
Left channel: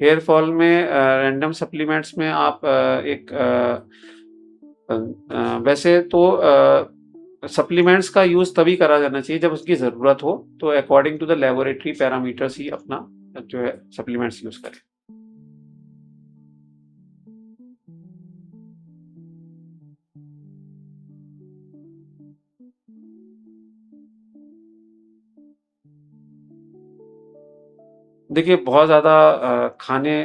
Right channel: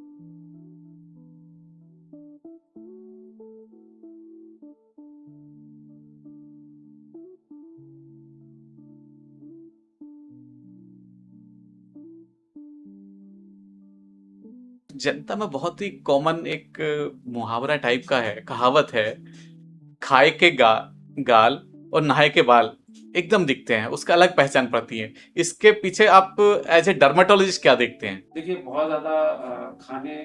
हेयर फॉल में रैंडम सप्लीमेंट्स में आप वैसे तो सप्लीमेंट्स का यूज़ तभी करा जाना चाहिए जब उसकी ज़रूरत हो, तो according to the laboratory parameters ही अपना जो है सप्लीमेंट्स यूज़ करें। जनता में बहुत ही कॉमन एक मुहावरा टाइप का है, कहावत है, खाए के गाल और नहाए के बाल एकदम दिखते हैं, उसका अलग पहचान पड़ती है। इसके पीछे आप एज ए डर्मेटोलॉजिस्ट क्या देखते हैं? देखिए, बहुत ज़्यादा खाने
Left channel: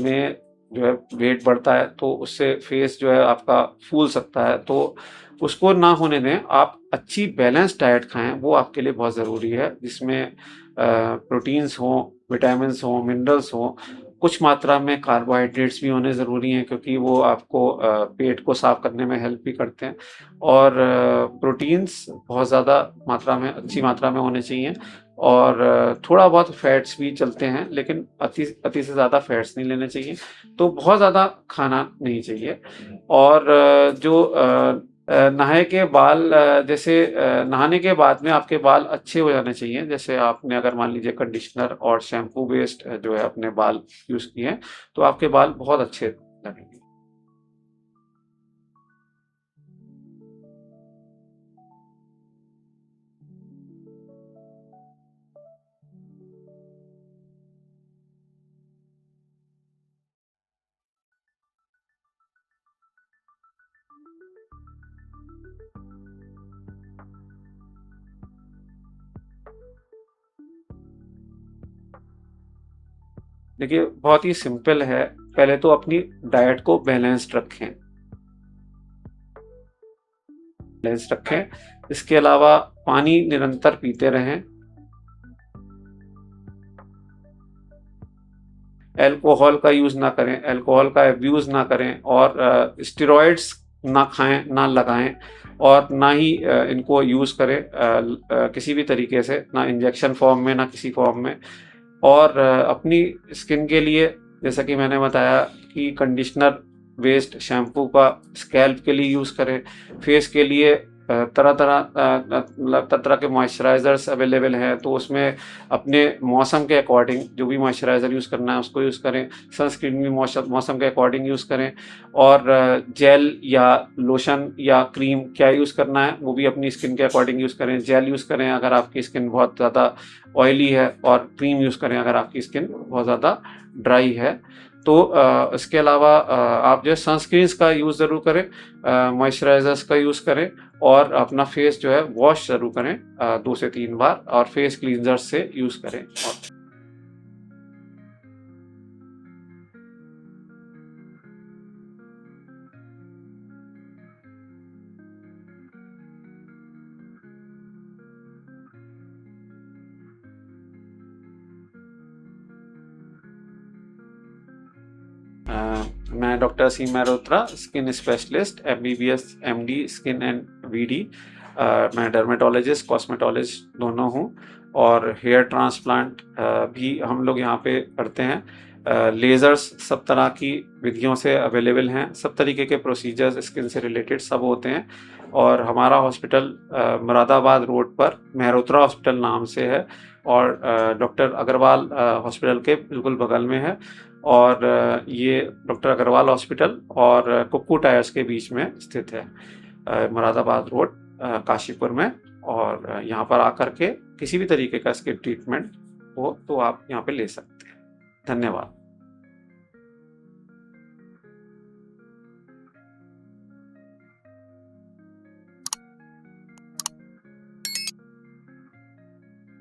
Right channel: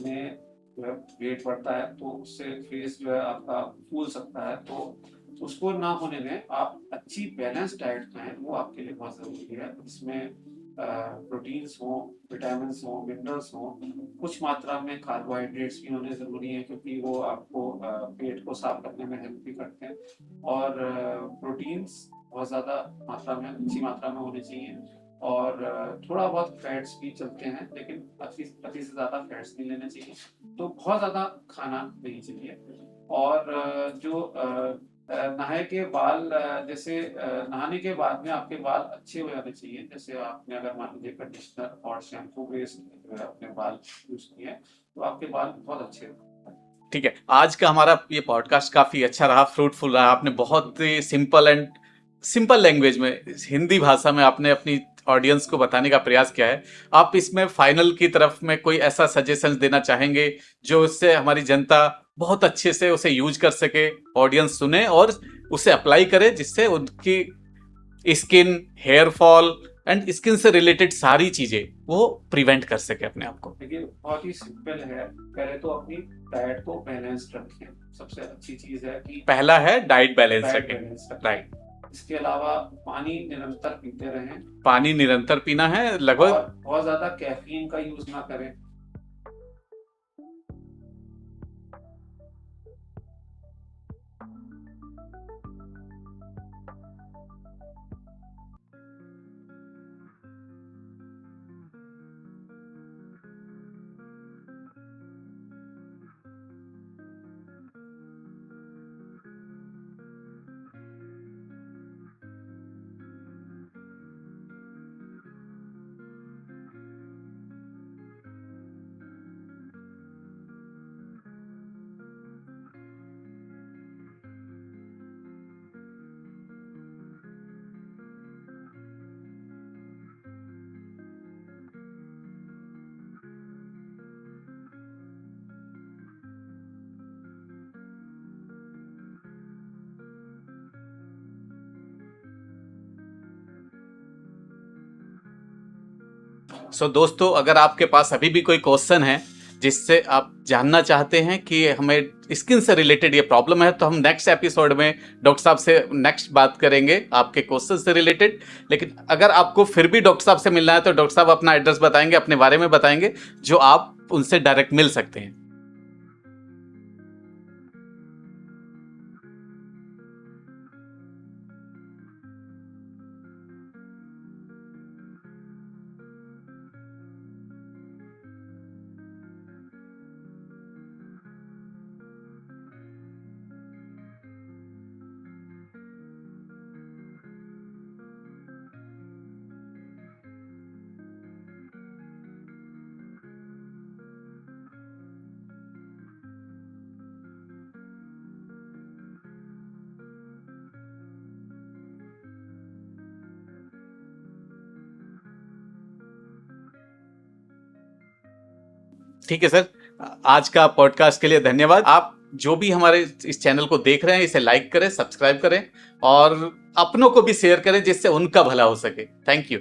में जो है वेट बढ़ता है, तो उससे फेस जो है आपका फूल सकता है, तो उसको ना होने दें। आप अच्छी बैलेंस डाइट खाएँ, वो आपके लिए बहुत ज़रूरी है, जिसमें प्रोटीन्स हों, विटामिन्स हों, मिनरल्स हों, कुछ मात्रा में कार्बोहाइड्रेट्स भी होने ज़रूरी हैं, क्योंकि वो आपको पेट को साफ़ करने में हेल्प भी करते हैं। और प्रोटीन्स बहुत ज़्यादा मात्रा में, अच्छी मात्रा में होने चाहिए। और थोड़ा बहुत फैट्स भी चलते हैं, लेकिन अति से ज़्यादा फैट्स नहीं लेने चाहिए। तो बहुत ज़्यादा खाना नहीं चाहिए। और नहाए के बाल, जैसे नहाने के बाद में आपके बाल अच्छे हो जाने चाहिए। जैसे आपने अगर मान लीजिए कंडीशनर और शैम्पू बेस्ड जो है अपने बाल यूज़ किए हैं, तो आपके बाल बहुत अच्छे लगेंगे। ठीक है, आज का हमारा ये पॉडकास्ट काफी अच्छा रहा, फ्रूटफुल रहा। आपने बहुत ही सिंपल लैंग्वेज में, हिंदी भाषा में आपने अपनी ऑडियंस को बताने का प्रयास किया है। आप इसमें फाइनल की तरफ में कोई ऐसा सजेशन देना चाहेंगे जो उससे हमारी जनता बहुत अच्छे से उसे यूज कर सके, ऑडियंस सुने और उसे अप्लाई करे, जिससे उनकी skin, hair fall and skin से रिलेटेड सारी चीजें वो प्रिवेंट कर सके अपने आप को? देखिए, बहुत ही सिंपल है। पहले तो अपनी डाइट को बैलेंस्ड रखें, सबसे अच्छी चीज़ है कि पहला है डाइट बैलेंस डाइट रखें। बैलेंस रखें। इसके अलावा पानी निरंतर पीते रहें। पानी निरंतर पीना है और लगभग। बहुत ज़्यादा कैफीन का यूज़ ना करें, अल्कोहल का यूज़ ना करें, अल्कोहल का अब्यूज़ ना करें, और स्टेरॉइड्स ना खाएं, ना लगाएं, और ना ही इनको यूज़ करें किसी भी तरीके से, ना इंजेक्शन फॉर्म में, ना किसी फॉर्म में। और अपनी स्किन के लिए, जैसा कि मैंने बताया, कि कंडीशनर बेस्ड शैम्पू का स्कैल्प के लिए यूज़ करें। फेस के लिए तरह तरह के मॉइस्चराइज़र्स अवेलेबल हैं, तो उसमें अपने मौसम के अकॉर्डिंग जो भी मॉइस्चराइज़र यूज़ करना है उसको यूज़ करें। सनस्क्रीन भी मौसम के अकॉर्डिंग यूज़ करें, और जेल या लोशन या क्रीम क्या यूज़ करना है वो भी अपनी स्किन के अकॉर्डिंग यूज़ करें। जेल यूज़ करें अगर आपकी स्किन बहुत ज़्यादा ऑयली है, और क्रीम यूज़ करें अगर आपकी स्किन बहुत ज़्यादा ड्राई है। तो इसके अलावा आप जो है सनस्क्रीन्स का यूज़ ज़रूर करें, मॉइस्चराइज़र्स का यूज़ करें, और अपना फेस जो है वॉश ज़रूर करें 2 से 3 बार, और फेस क्लींजर से यूज़ करें। सो दोस्तों, अगर आपके पास अभी भी कोई क्वेश्चन है जिससे आप जानना चाहते हैं कि हमें स्किन से रिलेटेड ये प्रॉब्लम है, तो हम नेक्स्ट एपिसोड में डॉक्टर साहब से नेक्स्ट बात करेंगे आपके क्वेश्चन से रिलेटेड। लेकिन अगर आपको फिर भी डॉक्टर साहब से मिलना है तो डॉक्टर साहब अपना एड्रेस बताएंगे, अपने बारे में बताएंगे, जो आप उनसे डायरेक्ट मिल सकते हैं। मैं doctor Aseem Mehrotra, skin specialist, MBBS MD skin and VD। मैं डर्मेटोलॉजिस्ट, कॉस्मेटोलॉजिस्ट दोनों हूँ, और हेयर ट्रांसप्लांट भी हम लोग यहाँ पे करते हैं। लेज़र्स सब तरह की विधियों से अवेलेबल हैं, सब तरीके के प्रोसीजर्स स्किन से रिलेटेड सब होते हैं। और हमारा हॉस्पिटल मुरादाबाद रोड पर मेहरोत्रा हॉस्पिटल नाम से है, और डॉक्टर अग्रवाल हॉस्पिटल के बिल्कुल बगल में है। और ये डॉक्टर अग्रवाल हॉस्पिटल और कुक्कू टायर्स के बीच में स्थित है, मुरादाबाद रोड, काशीपुर में। और यहाँ पर आकर के किसी भी तरीके का स्किन ट्रीटमेंट हो तो आप यहाँ पे ले सकते हैं। धन्यवाद। ठीक है सर, आज का पॉडकास्ट के लिए धन्यवाद। आप जो भी हमारे इस चैनल को देख रहे हैं इसे लाइक करें, सब्सक्राइब करें, और अपनों को भी शेयर करें जिससे उनका भला हो सके। Thank you.